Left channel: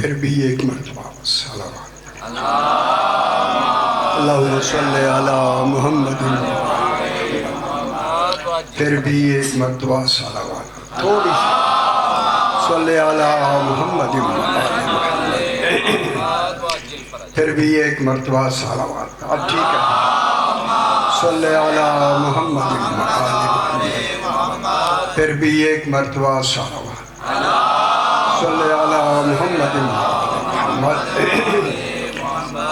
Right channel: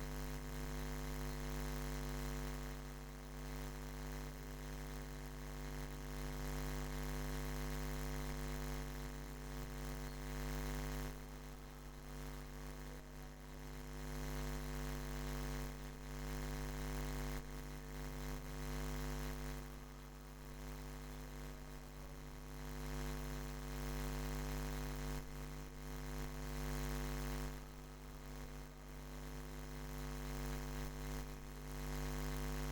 پھر بھی ایک مرتبہ صلوات اللہم صلی علی محمد، پھر بھی ایک مرتبہ صلوات، تھوڑی سی صلی علی محمد، پھر بھی ایک مرتبہ صلوات، اب ٹھیک ہے، صلی علی محمد، پھر بھی ایک مرتبہ صلوات، صلی علی محمد،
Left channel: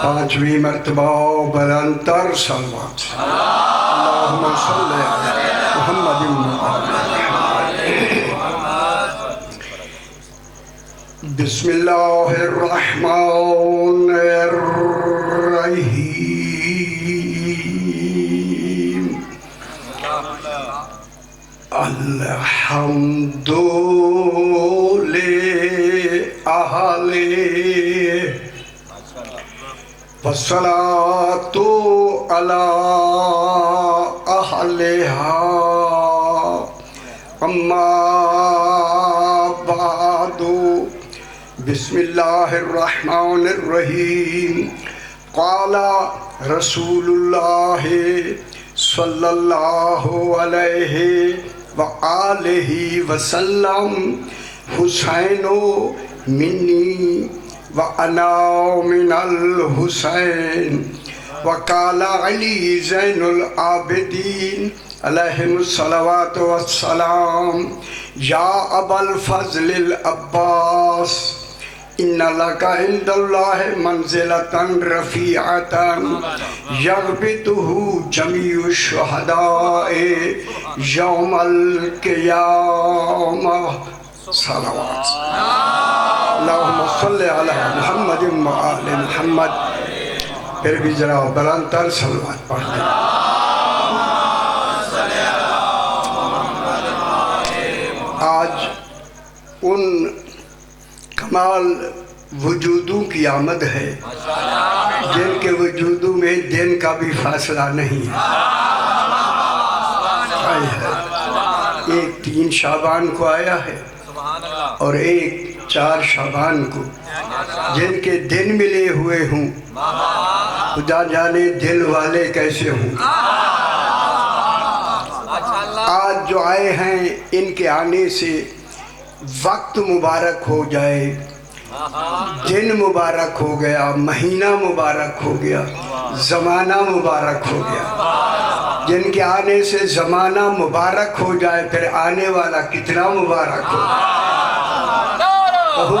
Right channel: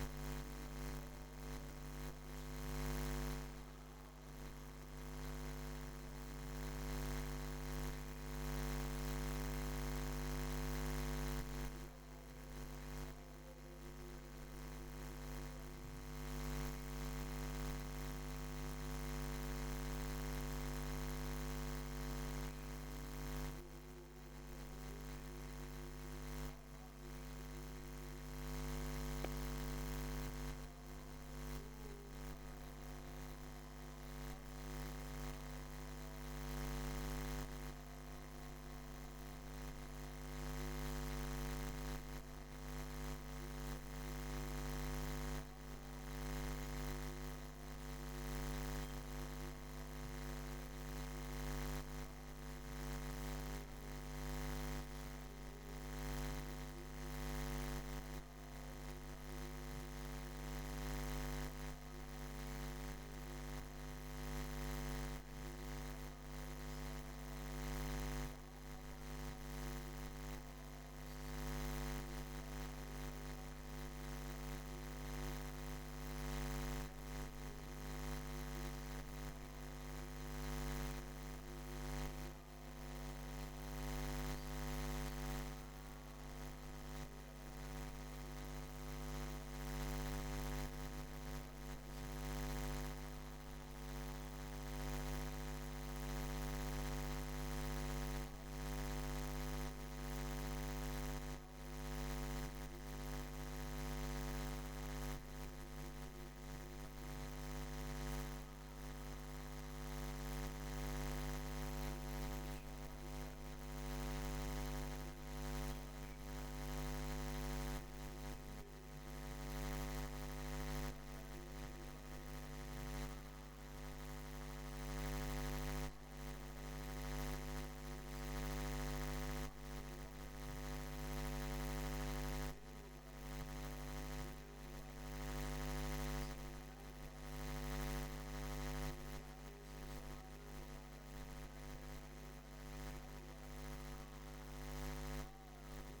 پانچویں مرتبہ بلندتر صلوات، اللہم صلی علی محمد، بسم اللہ الرحمن الرحیم، الحمد للہ والصلاة علی اہلہا، اما بعد، بسم اللہ الرحمن الرحیم، قال رسول اللہ صلی اللہ علیہ وآلہ وسلم، حسین منی وَأَنَا مِنَ الْحُسَيْنِ، وَقَالَ عَلِي زَيْنُ الْعَابِدِينَ علیہم الصلوات والسلام، یا ابا الفضل العباس، ان لک عند اللہ منزلۃ رفیعۃ یغبطہ جمیع الشہداء یوم القیامہ، صلوات اللہم صلی علی محمد وآل محمد، پھر بھی ذرا بلندتر صلوات پڑھ دیں۔ آج ان کمال وجودوں کی آمد ہے جن کے وجودوں میں دن کا بھی فاصلہ نہیں ہے۔ ایک 3 شعبان کو آیا ہے اور ایک 4 شعبان کو، جن کے دن ملے ہوئے ہوں، خدا جانے دل والے کیسے ہوں۔ آج جو آئے ہیں ان کے آنے سے وقت مبارک ہو جائے، دن مبارک ہو گیا، مہینہ مبارک ہو گیا، زمانہ مبارک ہو گیا۔ جن کے آنے سے زمانہ مبارک ہو جائے، پھر آنے والا کتنا مبارک ہو۔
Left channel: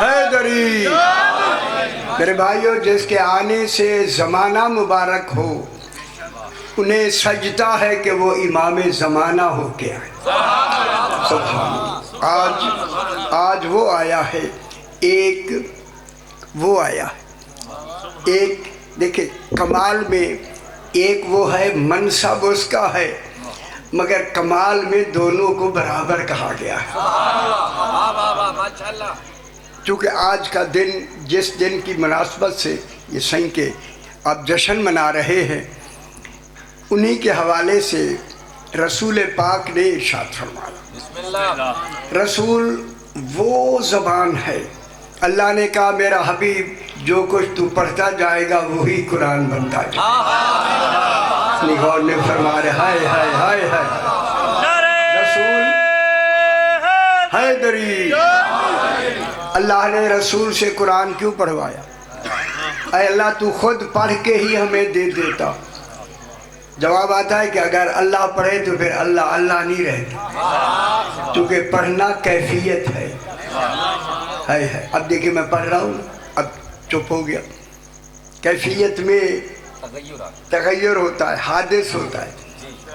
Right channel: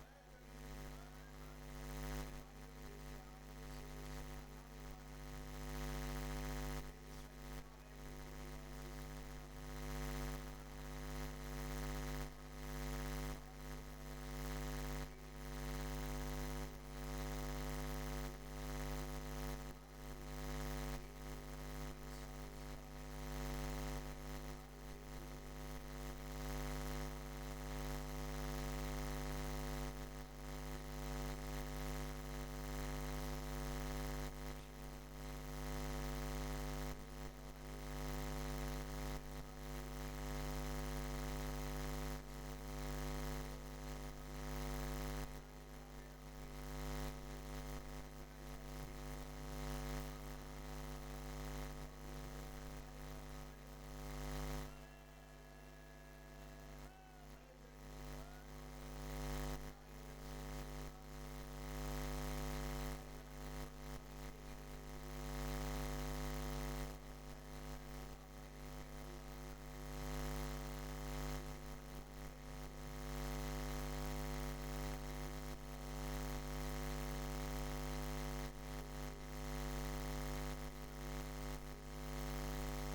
حیدری میرے بھائیو، جس کے آنے سے زمانہ مبارک ہو، انہیں سجدہ ہے کہ وہ امام زمانہ ہو کے آئے۔ سبحان اللہ۔ آج وہ آیا ہے، ایک وہ آیا ہے، ایک دیکھیں کمال میں ایک وہ ہے، منصب اس کا ہے، مگر کمال میں دونوں کو برابر کہا گیا ہے۔ چونکہ آج کا دن، جس دن کی مناسبت سے یہ سائیں کے آپ جشن منا رہے ہیں، انہی کے حوالے سے رسول پاک نے ارشاد فرمایا۔ رسول وہ زبان ہے، اللہ نے کہا میرا حبیب جو کچھ تو پڑھتا جائے گا وہی قرآن بنتا جائے گا۔ اپنی غور نے فرما رہے ہائے ہائے ہائے ہائے، رسول حیدری، اللہ نے رسول سے قرآن کیوں پڑھوایا؟ اے اللہ تو خود پڑھ کے ہی ہمیں دے دیتا۔ جواب آتا ہے کہ اگر اللہ پڑھے تو پھر اللہ اللہ نہیں رہتا، کیونکہ پڑھنا کیفیت ہے۔ اب دیکھیں میں پڑھ رہا ہوں، اب چپ ہو گیا، کیفیت میں تغیر ہوتا ہے، حادث ہوتا ہے،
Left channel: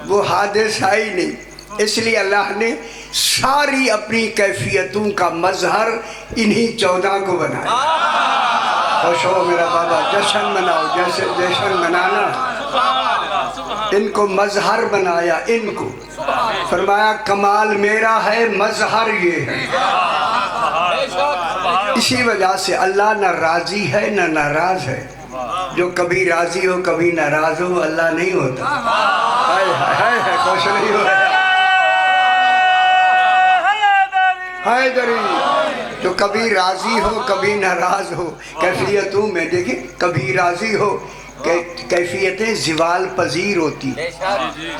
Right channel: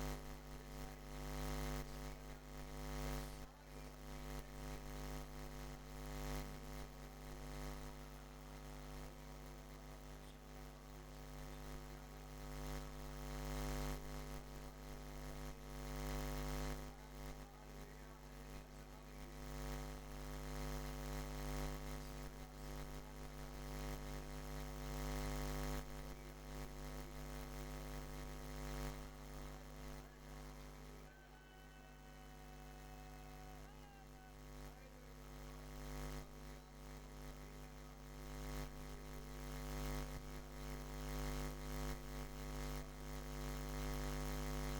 وہ حادث ہے ہی نہیں، اس لیے اللہ نے ساری اپنی کیفیتوں کا مظہر انہی 14 کو بنایا۔ خوش ہو میرا بابا، جشن مناؤ، جیسے جشن منانا، ان کو مظہر بنایا، ان کو فرمایا کمال میرا ہے، مظہر یہ ہے۔ اسی وجہ سے اللہ نہ راضی ہے نہ ناراض ہے، جو کبھی راضی ہو کبھی ناراض ہو اللہ نہیں ہوتا۔ خوش نہیں ہو رہا حیدری تو کبھی راضی ہو کبھی ناراض ہو، کیفیتوں میں دیکھیں کبھی راضی ہو، کیفیتیں زوال پذیر ہوتی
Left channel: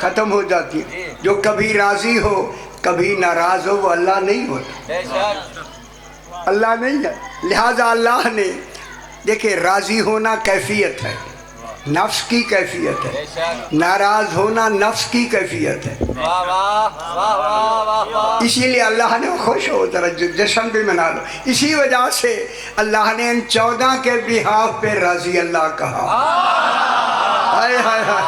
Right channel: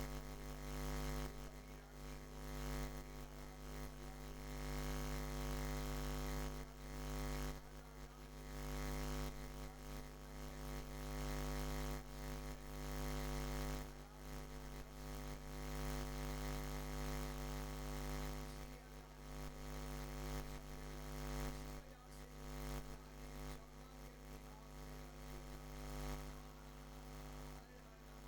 ختم ہو جاتی، جو کبھی راضی ہو کبھی ناراض ہو وہ اللہ نہیں ہوتا، اللہ نہیں ہے۔ لہٰذا اللہ نے دیکھیں راضی ہونا کیفیت ہے، نفس کی کیفیت ہے، ناراض ہونا نفس کی کیفیت ہے، اسی لیے اللہ نے خوش ہو ذرا جشن بھی منا لو، اسی وجہ سے اللہ نے ان 14 کے بہاف پہ رضی اللہ کہا۔ ہائے ہائے ہائے،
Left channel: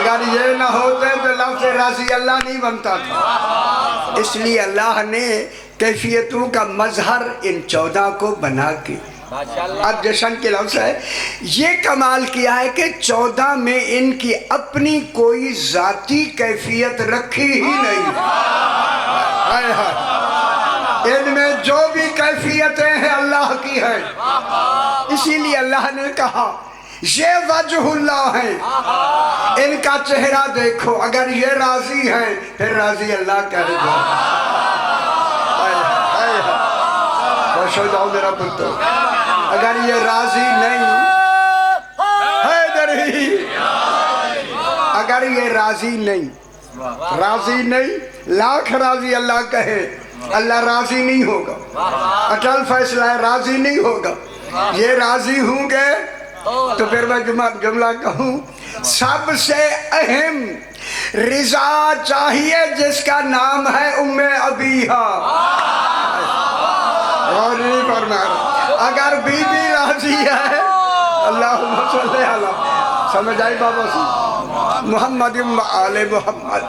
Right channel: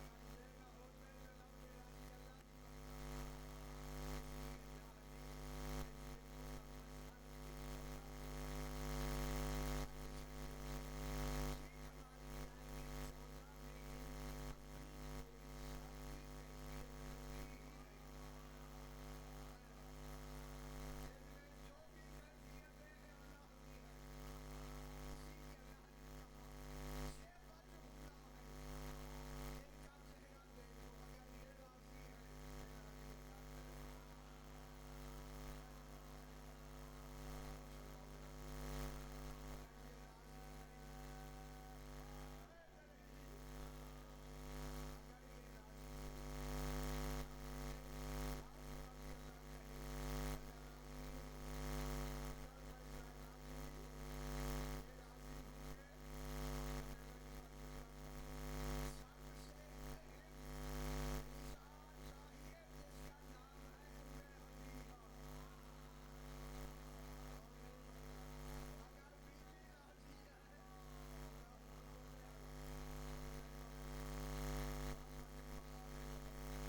اگر یہ نہ ہوتے تو لفظ رضی اللہ نہیں بنتا تھا، اس لیے اللہ نے کیفیتوں کا مظہر ان 14 کو بنا کے اب جشن کے لفظ ہے، یہ کمال کیا ہے کہ 14 میں ان کی اپنی کوئی ذاتی کیفیت رکھی ہی نہیں، ان میں جو بھی کیفیتیں ہیں اللہ کی ہیں، اسی لیے اللہ نے کہا یہ وجہ اللہ ہیں، ان کا چہرہ دیکھو، اگر یہ راضی ہیں پھر راضی اللہ کہہ دو۔ خوش ہو جاؤ میرا پتر، اگر یہ راضی نہیں اگر یہ راضی نہیں لاکھ راضی اللہ کہے اللہ راضی نہیں ہوگا، اٹل فیصلہ ہے راضی نہیں ہوگا، یہ راضی ہوں گے تو پھر میں جملہ کہوں، سب سے اہم رضا چاہیے جس کا نام ہے ام ابیہا، اور نہیں فرمایا اگر بی بی راضی ہے اللہم صلی اللہ، سمجھ آئی بابا سی محمد آل محمد۔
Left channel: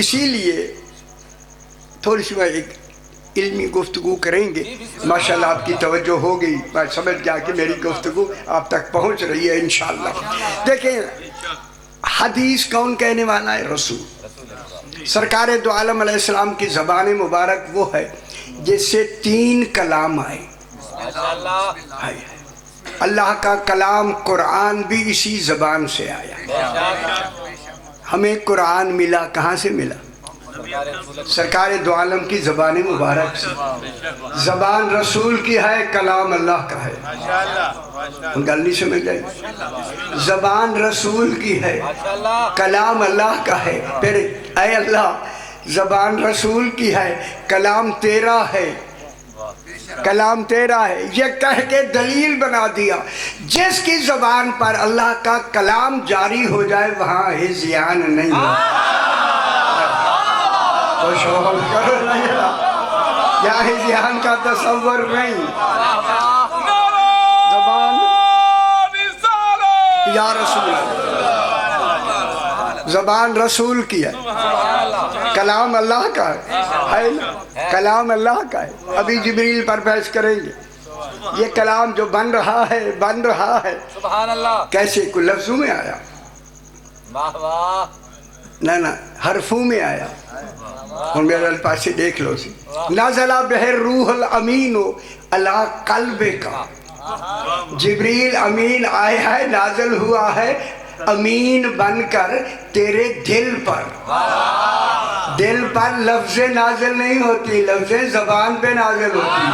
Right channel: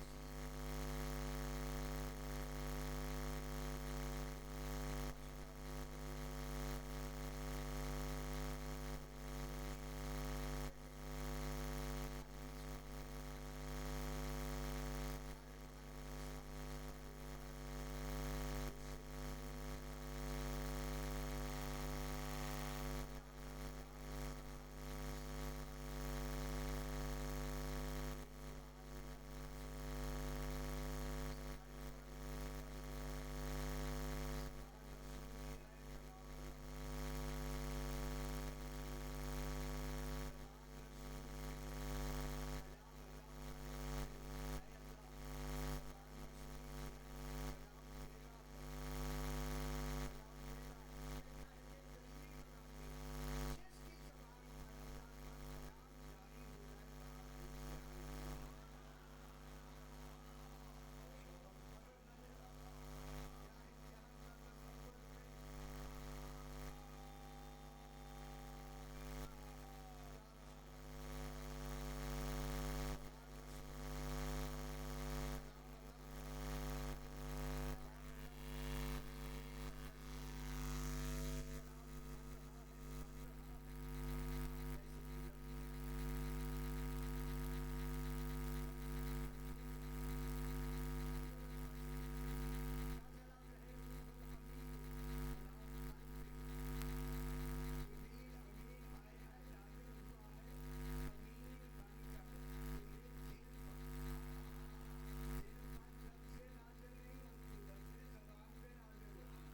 اسی لیے تھوڑی سی میں ایک علمی گفتگو کریں گے، ماشاءاللہ آپ کی توجہ ہو گئی، میں سمجھ گیا کہ میری گفتگو آپ تک پہنچ رہی ہے انشاءاللہ۔ دیکھیں حدیث کون کہنے والا ہے؟ رسول سرکار دو عالم علیہ السلام کی زبان مبارک وہ ہے جس سے 3 کلام آئے، اللہ کا کلام قرآن بھی اسی زبان سے آیا، ہمیں قرآن ملا کہاں سے ملا؟ سرکار دو عالم کی زبان مبارک سے، زبان رسول کی ہے کلام اللہ کا ہے، گل نہیں سمجھ جائے، زبان رسول کی ہے کلام اللہ کا ہے، پھر اے اللہ زبان رسول کی ہے کلام تیرا ہے، کلام تیرا ہے، یہ کہہ کے دلیل بنا دیا جس کی زبان پر اللہ کا کلام جاری ہو جائے وہاں ہذیان نہیں ہو، خوش ہو کرو نہیں یا ہذیان کا تصور نہیں، زبان یا رسول زبان رسول کی ہے، کلام اللہ کا ہے، کلام اللہ کا ہے۔ ابھی جبریل پر بحث کریں گے، یہ کلام جو بن رہا ہے کیسے؟ کوئی لفظوں میں آیا؟ نہ حرفوں میں آیا، اور میرے پاس سے دیکھ لو سی، نازلہ بہر روح الامین علی قلبک، جبریل امین آیا ہے، نازل ہوا ہے امین بن کر تیرے دل پر، دل پر لفظ نازل نہیں ہوتی، لفظ زبان پہ نازل ہوتی،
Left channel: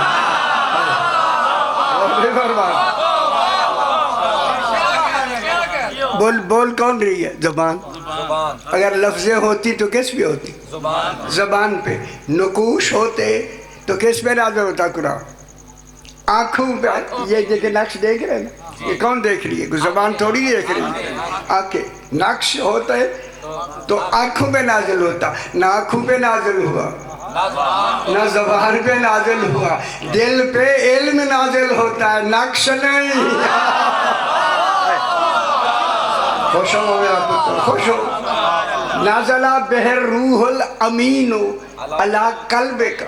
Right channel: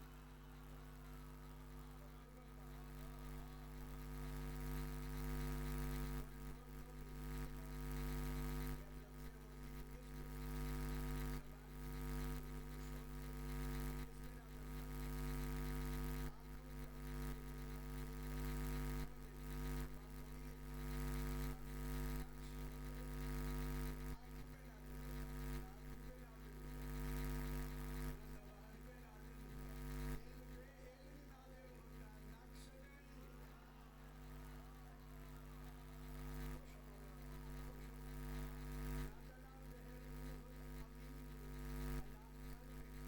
بول کون رہی ہے؟ زبان، اگر لفظیں ہوتی تو کس پہ ہوتی؟ زبان پہ۔ نقوش ہوتے تو کس پہ نازل ہوتا قرآن؟ آنکھوں پہ، یہ نقش دیکھ رہے ہیں، یہ کون دیکھ رہی ہے؟ زبان تھوڑی دیکھ رہی ہے، آنکھیں، نقش ہوتا ہے تو آنکھوں پہ نازل ہوتا، نہ آنکھوں پہ نازل ہوا نہ زبان پہ نازل ہوا، دل پہ علم نازل ہوتا ہے، نقش نہیں۔ خوش ہو میرا پتر، خوش ہو۔ نازلہ بہر روح الامین علی قلبک،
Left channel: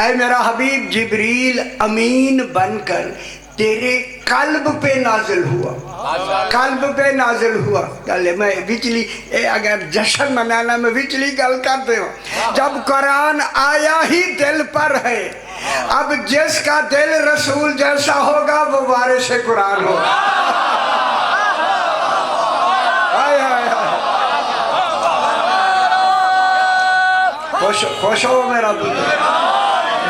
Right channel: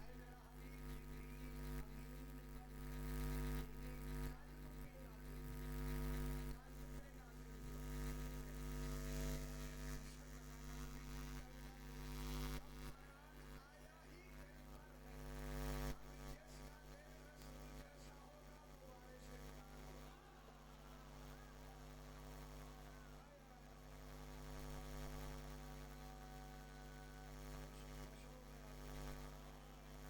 اے میرا حبیب جبریل امین بن کر تیرے قلب پہ نازل ہوا، قلب پہ نازل ہوا۔ میں وچلی اگر جشن منانا میں وچلی گل کرتے ہوں، جب قرآن آیا ہی دل پر ہے، اب جس کا دل رسول جیسا ہوگا وہ وارث قرآن ہوگا۔ خوش ہو میرا پتر،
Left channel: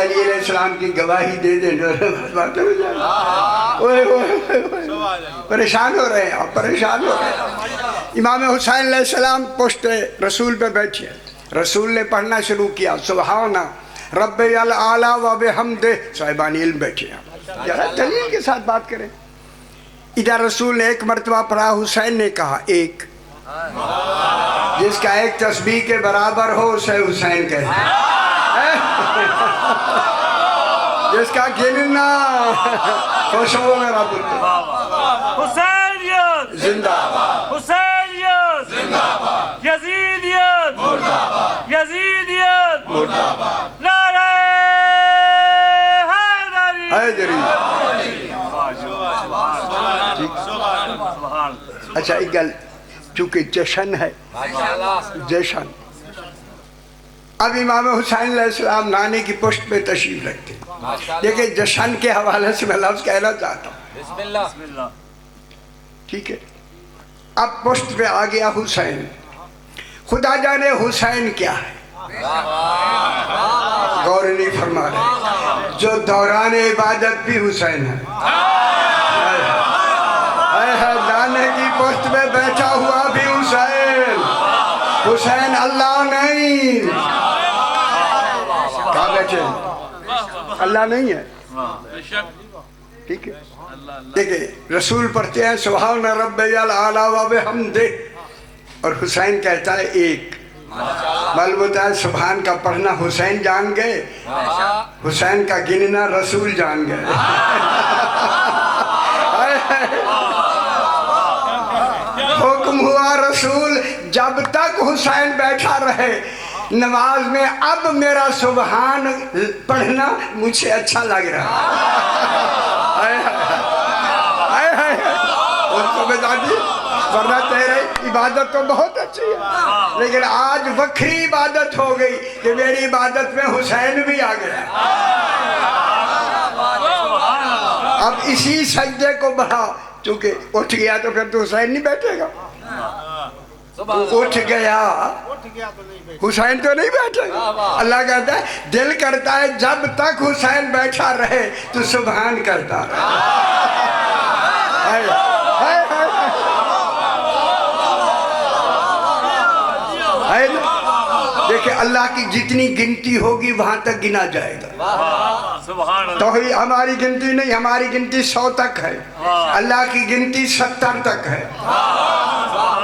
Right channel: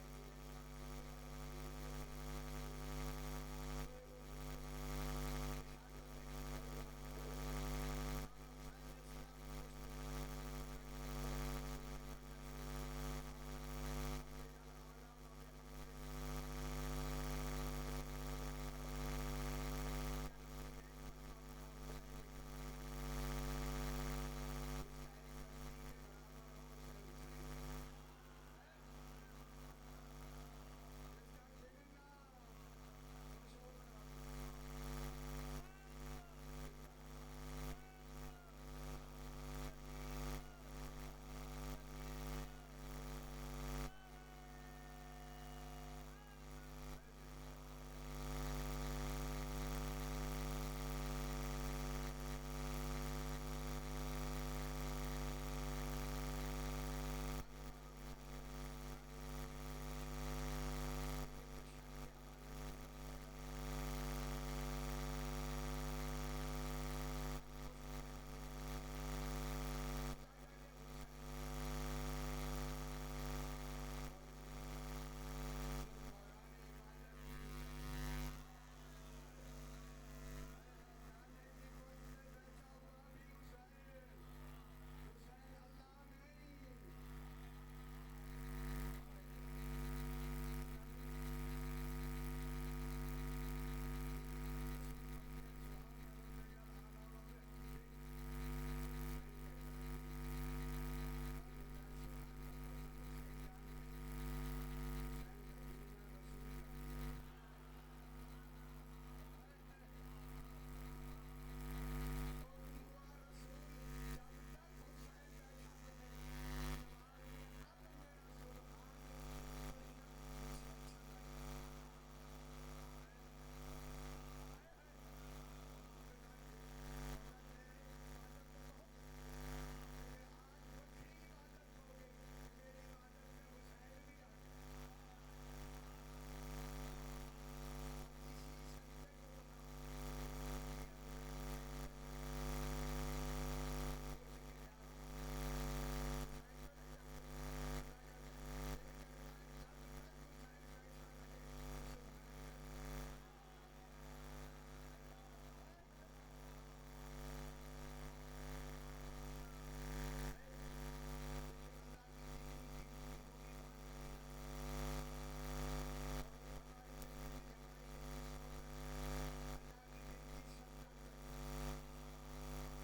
علی علیہ السلام کی گواہی دے دیں بات ہو جائے. پریشان ہو رہے ہیں آپ، پریشان ہو رہے ہیں. امام حسین علیہ السلام پشت رسول پہ بیٹھے، رسول نے پڑھنا شروع کیا سبحان رب الاعلی و بحمدہ. صاحبان علم بیٹھے ہیں، ذرا دلیل کے ساتھ بات کریں. ادھر رسول نے ایک مرتبہ پڑھا، حسین نے کہا ایک، جس کا ایک تسبیح کے برابر ہو اسے حسین کہتے ہیں. جس کا گننا خوش ہو میرا پتر. حسینیت زندہ باد، حسینیت زندہ باد، یزیدیت مردہ باد، یزیدیت مردہ باد. نعرہ حیدری. حیدری. اچھا ایک گل، چونکہ جشن ہے، جشن. اب امام حسین علیہ السلام نانے کی پشت پہ تشریف رکھتے. دیکھیں جشن کے حوالے سے میں لفظ کہنا چاہتا ہوں، بسم اللہ. ٹھیک ہے. اب پشت پہ آ گیا حسین. خدا جانے حسین کیا ہے، غور نہیں فرما رہے. جو دوران عبادت بھی حسین ہے، نانے کی پشت پہ بیٹھا ہوا بھی حسین. حسین اللہ نہیں. کہاں بیٹھے ہیں؟ اللہ نہیں ہے. ٹھیک ہے. دیکھیں رسول پڑھتے ہیں سبحان رب الاعلی و بحمدہ، اور حسین کہتا ہے ایک. معلوم ہوتا ہے سبحان کا پڑھنا حسین جان گئے، حسین کا گننا رسول جان گئے. حکم ہوا رسول جب تک حسین بیٹھا رہے نماز میں، اب میرا سبحان پڑھنا مجھے اچھا لگ رہا. اس کو بتا دی، ورنہ تیرے عبادت تو بہت اچھی ہے، لیکن آج وکری عبادت ہو گئی کہ میری عبادت میں حسین بھی آ گیا. اب اسی سجدے کو بڑھا، چونکہ اٹھ گیا تو پھر تو حسین نہیں بیٹھے گا. اٹھ گیا حسین تو نہیں بیٹھے گا. اللہ کہتا ہے دل کرتا ہے جب تک حسین بیٹھا رہے تو سبحان کرتا رہے. دیکھیں اللہ کی جتنی گنتی ہوگی وہاں تک گنا جائے گا. توحید ہماری گنتی نہیں، ہماری گنتی 100 تک ہے، اللہ کی گنتی 70 تک ہے.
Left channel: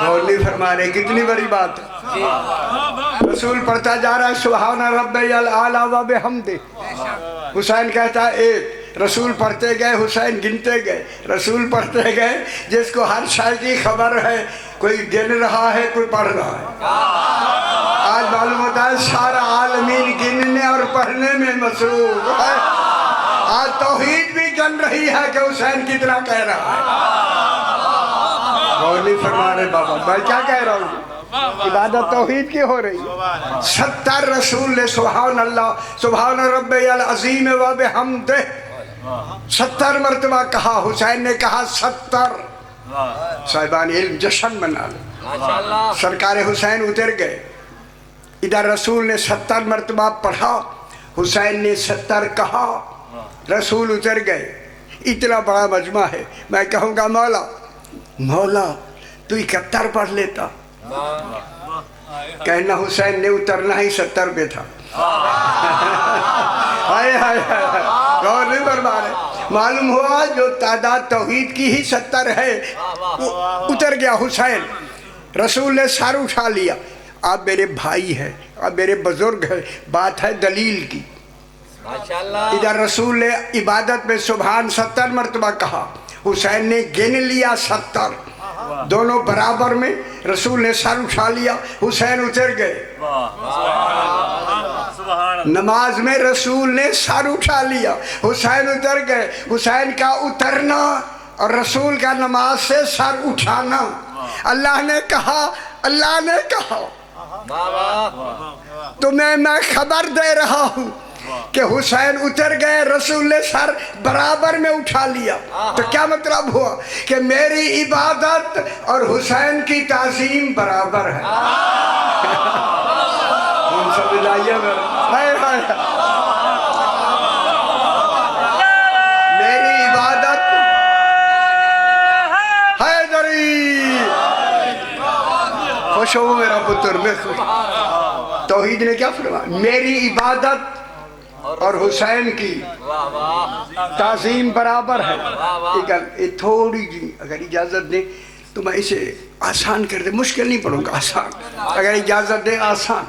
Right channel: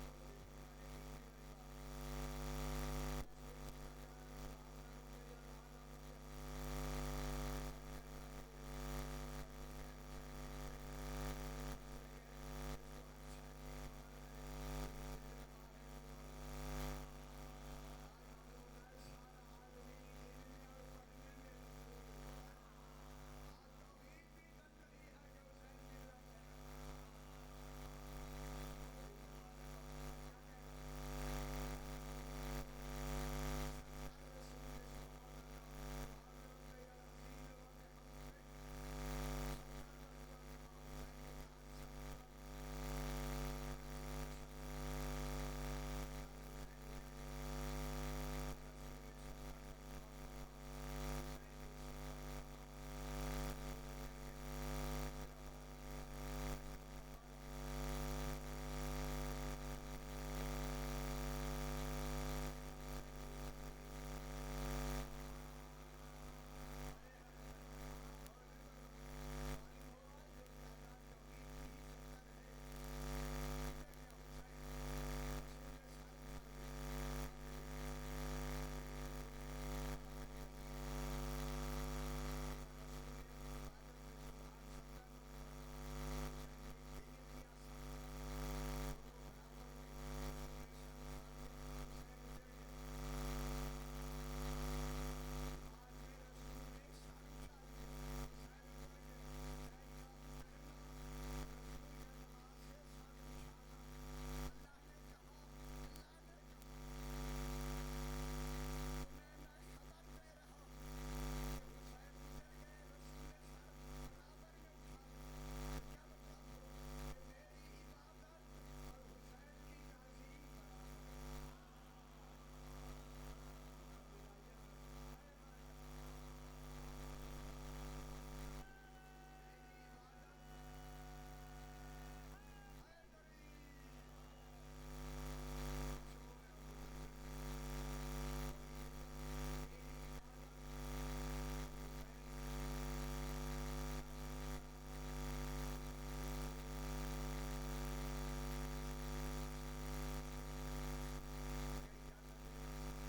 اور نہیں فرما رہے کتنی بڑی بات ہے. رسول پڑھتا جا رہا ہے سبحان رب الاعلی و بحمدہ. حسین کہتا ہے ایک. رسول پڑھتے گئے، حسین گنتے گئے، رسول پڑھتے گئے. جس کو ہر شے کی خبر ہے، کوئی گن رہا ہے کوئی پڑھ رہا ہے. آج معلوم ہوتا ہے سارا عالمین گننے اور پڑھنے میں مصروف ہے. آج توحید بھی گن رہی ہے کہ حسین کتنا کہہ رہا ہے. اور نہیں فرما رہے بابا میں کیا کہہ رہا ہوں، عبادت توحید کی ہو رہی. 70 رسول نے سبحان اللہ سبحان رب العظیم و بحمدہ 70 مرتبہ کہا. حسین نے کہا 70. صاحبان علم جشن منا لو. سرکار حسین اتر گئے. ادھر رسول نے 70 مرتبہ پڑھا، حسین نے 70 کہا. رسول اتر گئے. اتنا بڑا مجمع ہے، میں کہوں گا مولا مولا تو 71 پڑھ لیتا. کہنا حسین نے اترنا ہی 70 پہ تھا. غور نہیں فرما رہے. معلوم ہوا جو تعداد توحید کی ہی 70 ہے اتر گیا حسین. رسول نے سر اٹھا لیا. آپ میرے بھائی ہیں، آپ میرے بزرگ ہیں، بات ہے دلیل کی. ادھر رسول نے عبادت میں سبحان 70 مرتبہ کہا، حسین نے گن لیا 70. دونوں برابر میں. رسول نے سر اٹھا لیا، حسین اتر گئے. نماز میں رسول نے سر اٹھا لیا، حسین اتر گئے. حسین کا اترنا اور رسول کا نماز سے سر اٹھانا. اللہ نے کہا تمہیں میں خبر دے رہا ہوں کہ حسین اتر گئے، رسول نے سر برابر میں اٹھا لیا. تو کیا مطلب ہوا کہ میری عبادت اور حسین کی تعظیم برابر ہے. خوش ہو میرا پتر میں خوش. توحید نے کیا فرمایا؟ میری عبادت اور حسین کی تعظیم برابر ہے. یہ تھوڑی جی اگر اجازت دیں تو میں اسے آسان کر دیں، مشکل نہیں پڑھوں گا، آسان اگر اجازت دیں آسان.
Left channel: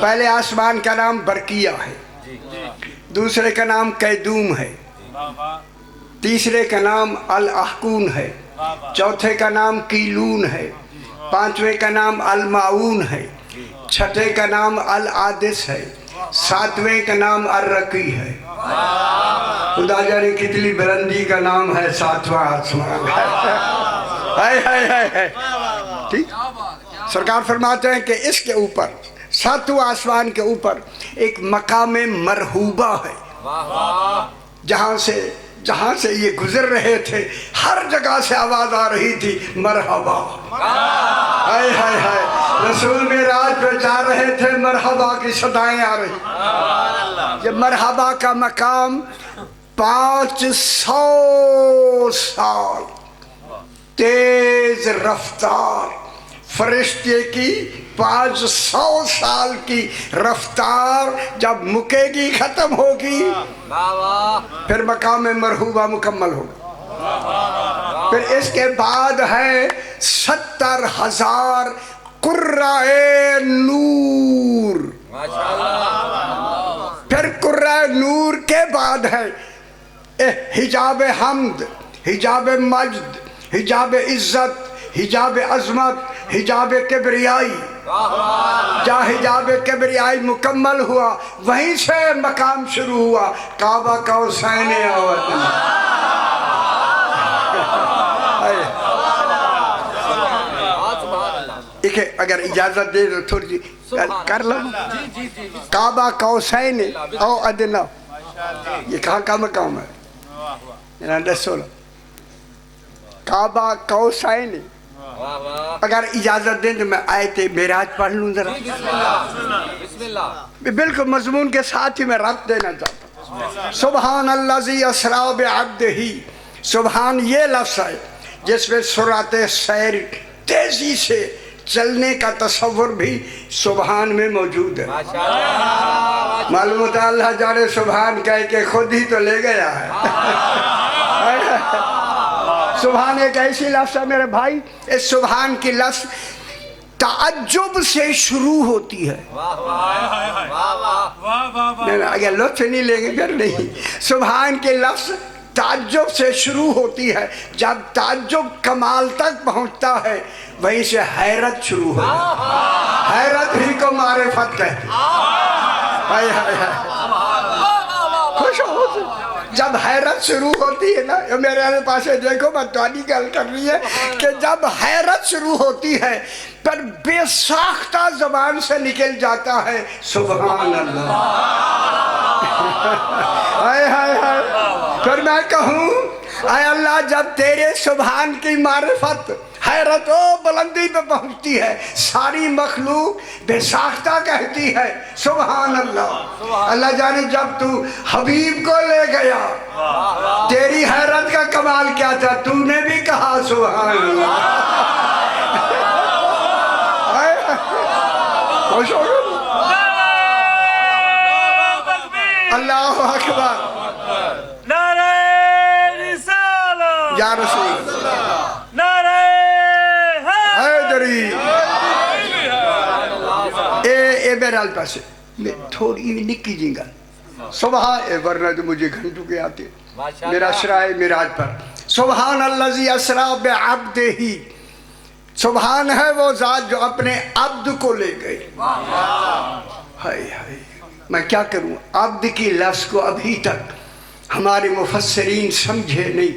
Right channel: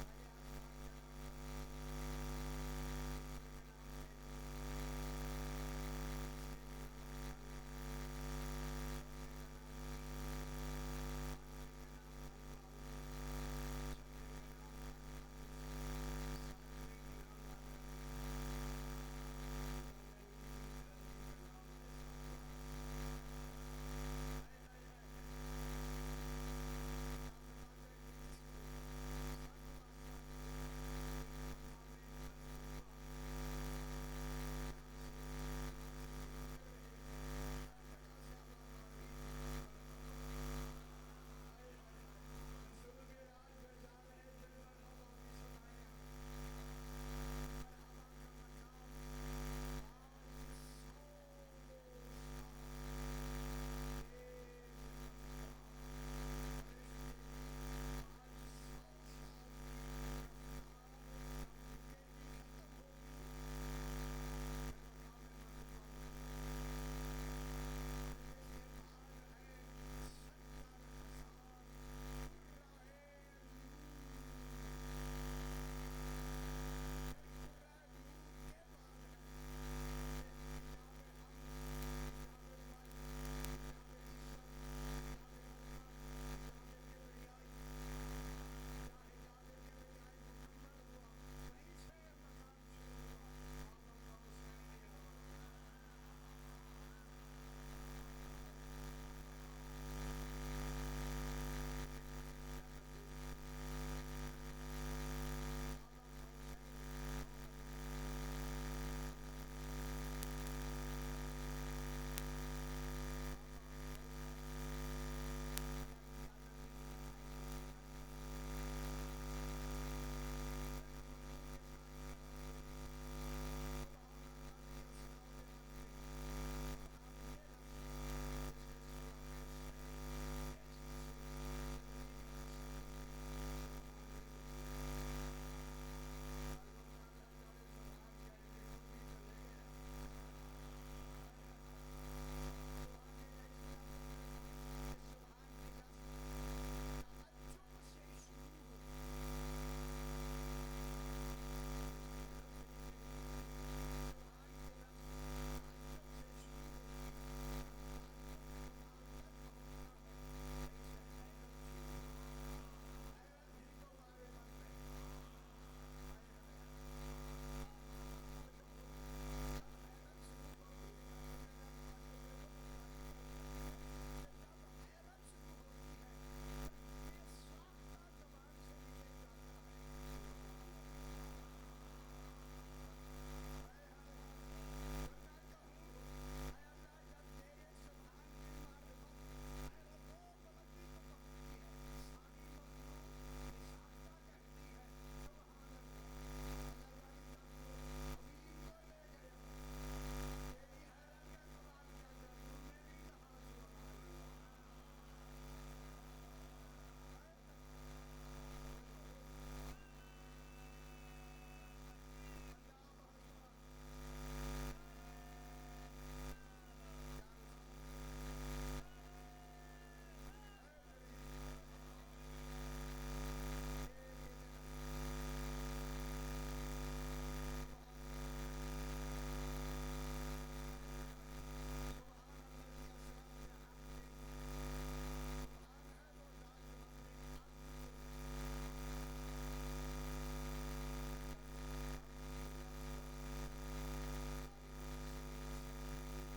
پہلے آسمان کا نام برقیہ ہے، دوسرے کا نام قیدوم ہے، تیسرے کا نام الاحقون ہے، چوتھے کا نام کیلون ہے، پانچویں کا نام المعون ہے، چھٹے کا نام العادس ہے، ساتویں کا نام الرقی ہے. خدا جانے کتنی بلندی کا نام ہے ساتواں آسمان. ٹھیک. سرکار فرماتے ہیں کہ اس کے اوپر ساتواں آسمان کے اوپر ایک مقام مرحوبہ ہے، جہاں سے یہ گزر رہے تھے ہر جگہ سے آواز آ رہی تھی مرحبا. ہائے ہائے ہائے، رسول معراج پہ جا رہے تھے، مرحبا کی صدائیں آ رہی. یہ مرحبا کا مقام 500 سال تیز رفتار فرشتے کی 500 سال کی رفتار جب مکے گی، ختم ہوگی، پھر مقام مرحوبہ مکمل ہوگا. پھر اس کے بعد ہے 70,000 قرائے نور. پھر قرائے نور کے بعد ہے حجاب حمد، حجاب مجد، حجاب عزت، حجاب عظمت، حجاب کبریائی. جہاں حجاب کبریائی مکمل ہوا وہیں سے مقام شروع ہوا کعبہ قوسین او ادنی. اگر اجازت دے تو تھوڑی جی کر لو. کعبہ قوسین او ادنی یہ کہاں کا مقام ہے؟ کعبہ قوسین. اگر اجازت دیں تو میں آیت معراج پڑھ لوں ذرا، بالکل مضمون کے ساتھ ہی میں ربط دینا چاہتا ہوں. سبحان الذی اسری بعبدہ، سبحان یہ لفظ ہے جس میں سرعت سیر، تیزی سے چلنے کا تصور بھی سبحان میں موجود ہے. معلوم ہوتا ہے اللہ جانے سبحان کہہ کے خود ہی تو لے گیا ہے. سبحان ایک ایسی لفظ ہے میرے بھائی، اس سبحان کی لفظ تعجب سے شروع ہوتی ہے. اگر لطف نہیں لیں گے پھر نہیں. سبحان کے لفظ تعجب سے شروع ہوتی ہے، جب تعجب کمال تک پہنچتا ہے وہیں سے حیرت شروع ہو جاتی ہے. حیرت ہی کو معرفت کہتے ہیں. خوش ہو جب حیرت شروع ہوتی ہے نا، میرے پاس دیکھو میں تھوڑی گل کر رہی ہے کہ جب حیرت شروع ہوتی ہے پر بے ساختہ زبان سے نکل جاتا ہے سبحان اللہ. ہائے ہائے ہائے. پھر میں کہوں اے اللہ جب تیرے سبحان کی معرفت حیرت و بلندی پہ پہنچتی ہے ساری مخلوق بے ساختہ کہتی ہے سبحان اللہ. اللہ جانے جب تو حبیب کو لے گیا تیری حیرت کا کمال کیا تھا، تو نے بھی کہا سبحان اللہ. خوش ہو گئے. اللہ اکبر. نعرہ رسالت یا رسول اللہ. نعرہ حیدری. اے بہرحال پاسے میں تھوڑی نکی جی گل سبحان ورنہ تو مجھے گھنٹوں کے آتے میرا شرائع معراج پر. سبحان الذی اسری بعبدہ، سبحان ہے وہ ذات جو اپنے عبد کو لے گئی. ہائے ہائے میں کیا کروں، عبد کی لفظ کو ابھی تک ہمارے مفسرین سمجھے نہیں.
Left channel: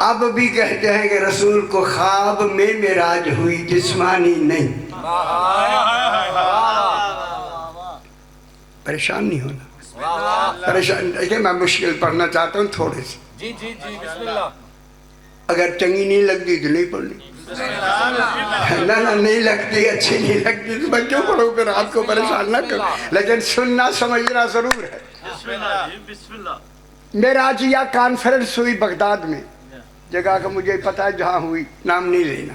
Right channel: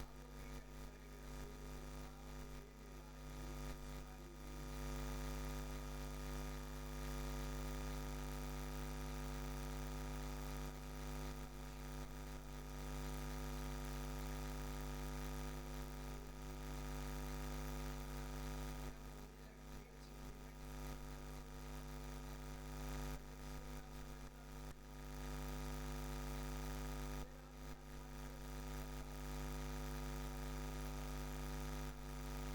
اب بھی کہتے ہیں کہ رسول کو خواب میں معراج ہوئی، جسمانی نہیں. پریشان نہیں ہونا، پریشان دیکھیں میں مشکل پڑھنا چاہتا ہوں تھوڑے سے. جی جی جی بسم اللہ. اگر چنگی نہیں لگتی تو نہیں پڑھنی. نہ نہیں لگتی، اچھی نہیں لگتی تو میں کیوں پڑھوں، پھر آپ کو پریشان نہ کروں. لیکن سننا سمجھنا ضرور ہے. معراجیہ کانفرنس ہوئی بغداد میں، جگہ کا مجھے پتا ہے جہاں ہوئی، نام نہیں لینا.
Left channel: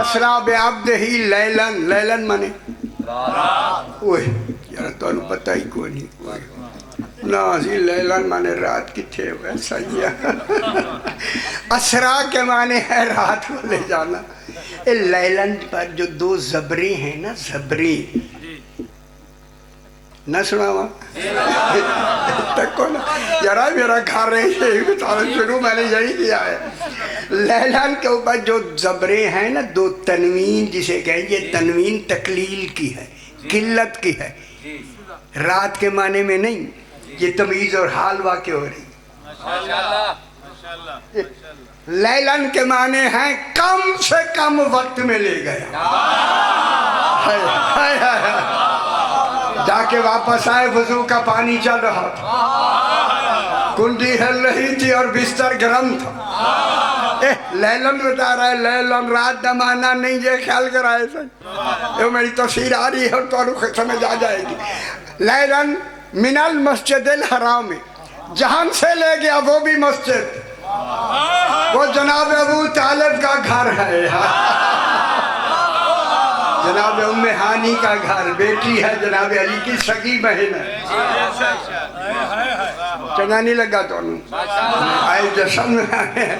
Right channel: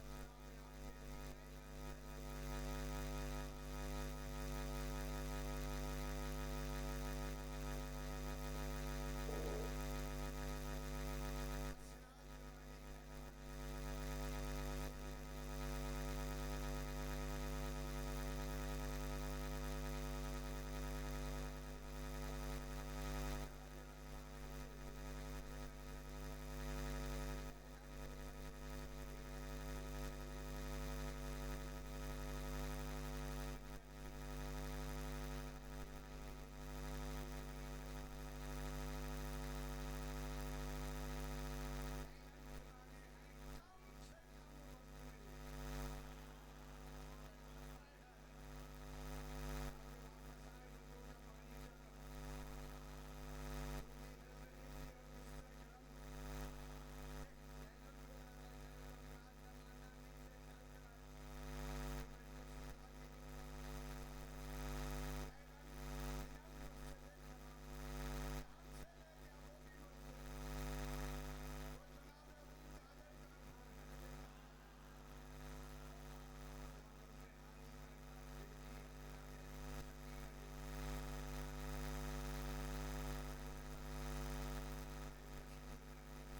اسرا بعبدہ لیلن، لیلن مانے اوہ یار تو انہوں پتہ ہی کوئی نہیں نازی، لیلن مانے رات کتھے ہوئے سیاح اسرا کے معنی ہے رات کو لے جانا. لیلن پر جو دو زبریں ہیں نا، زبریں نہ سنا وہاں تکو نا یارا میرا گھر ہے شروع میں نے یہی کیا ہے. لیلن کے اوپر جو زبریں ہیں نا، دو تنوین جسے کہیں، یہ تنوین تقلیل کی ہے، قلت کی ہے، رات کے معنی میں نہیں. یہ تمیز اور حال واقع ہو رہی. لیلن کے معنی ہیں کم سے کم وقت میں لے گیا، جا کے واپس آئے وضو کا پانی چل رہا تھا، کنڈی ہل رہی تھی اور بستر گرم تھا. لیلن بتا رہا ہے، لیلن رات دا معنی نہیں، یہ خیال کرائے سن یہ میری تفسیر آ رہی ہے اور تو سمجھ آ جائے گی. لیلن من المسجد الحرام، جہاں سے لے گیا وہ بھی مسجد، وہ جناب ابو طالب کا گھر ہے، جناب ام ہانی کا گھر، بیٹی ہے جناب علی کی سگی بہن ہے. چنگا نہیں لگا تو آئے جشن میں آئے.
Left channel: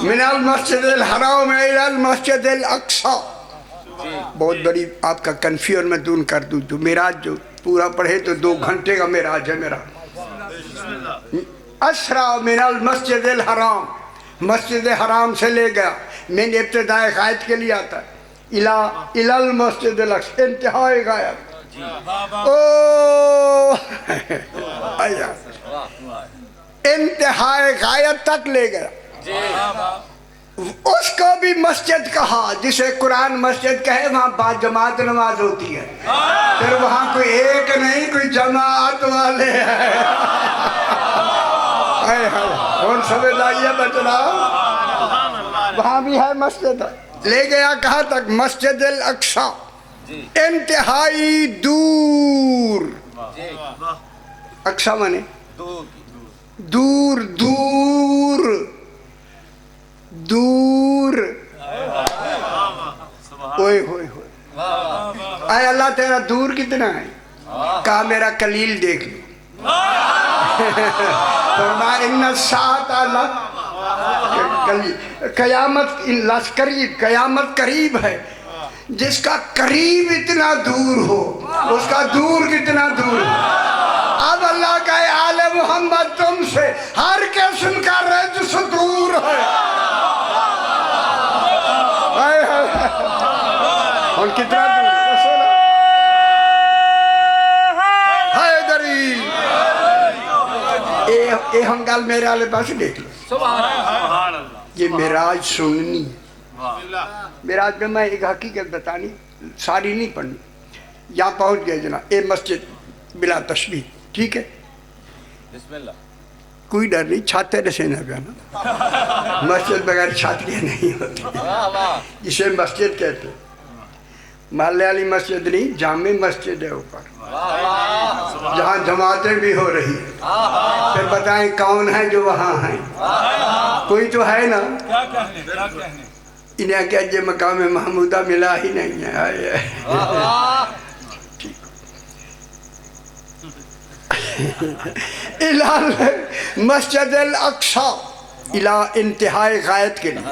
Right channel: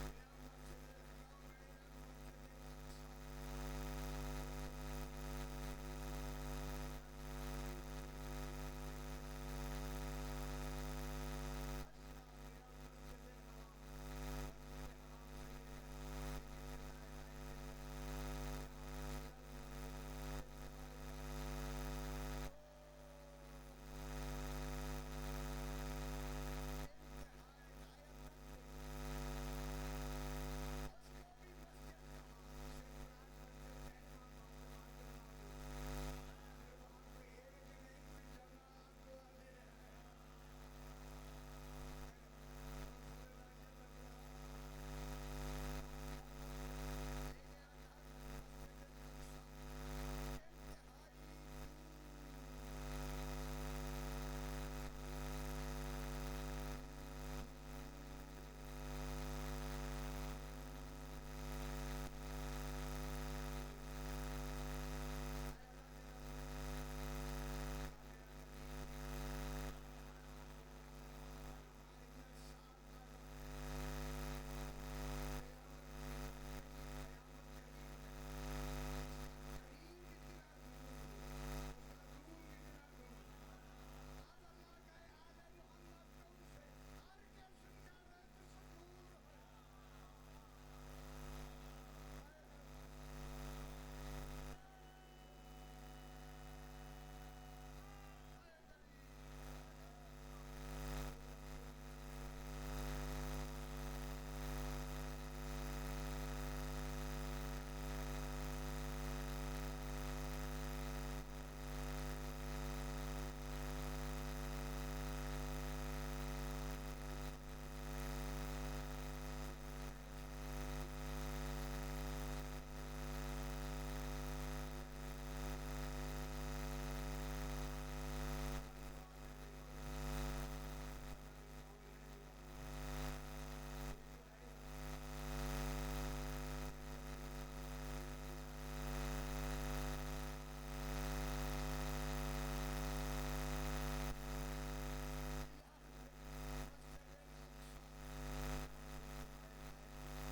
من المسجد الحرام الى المسجد الاقصی. بہت بڑی آپ کا کنفیور میں دون کر دوں، جو معراج جو پورا پڑھے تو 2 گھنٹے کا معراج ہے میرا. اسرا من المسجد الحرام، مسجد حرام سے لے گیا. میں نے ابتدائے غائب کے لیے آتا ہے الى المسجد الاقصی، انتہائی غائب. انتہائی غائب تک لے گیا. اس کو بھی مسجد کہا، جسے قرآن مسجد کہے وہاں با جماعت نماز ہوتی ہے، پھر وہاں کوئی ایک نہیں، کوئی جماعت والے ہیں. کون سمجھ آئیے بچنا، وہاں بھی ہے مسجد. لے گیا کہاں تک؟ مسجد الاقصی، انتہائی دور. اقصی مانے دور، دور دور. اوئے ہوئے ہوئے، اے اللہ تیرا دور کتنا ہے؟ کہا میرا کلیل دیکھ لو. فرمایا ان الساعۃ، قیامت قریب، قیامت قریب ہے. جس کا قریب اتنا دور ہو، اس کا دور کتنا دور ہے. اب اللہ کا آل محمد تم سے ہر قسم کا رجس دور ہے. اور کتنا دور اے ہم گل میرے والے پاس دیکھ لو. یہ معراج سننی، معراج میں ایک حقیقت بتانی، ساری نہیں پڑھنی. یہاں پہنچ گئے جناب، اے مسجد بلا تشبیہ، ٹھیک ہے، کوئی ڈر نہیں، چھاتے رسینا پہ نا، مسجد بغیر چھات کے نہیں ہوتی. اسے مسجد کہتے، محلے والی مسجد نہیں، جامع مسجد ہے اوپر، جہاں جماعتیں بھی ہو رہی ہیں. پھر بتائیں کون ہے جو وہاں ہیں؟ کوئی تو ہے نا. انہیں کیا جے مقام محمودہ ملا ہی نہیں ہے. مسجد الاقصی الى انتہائی غایت کے لیے.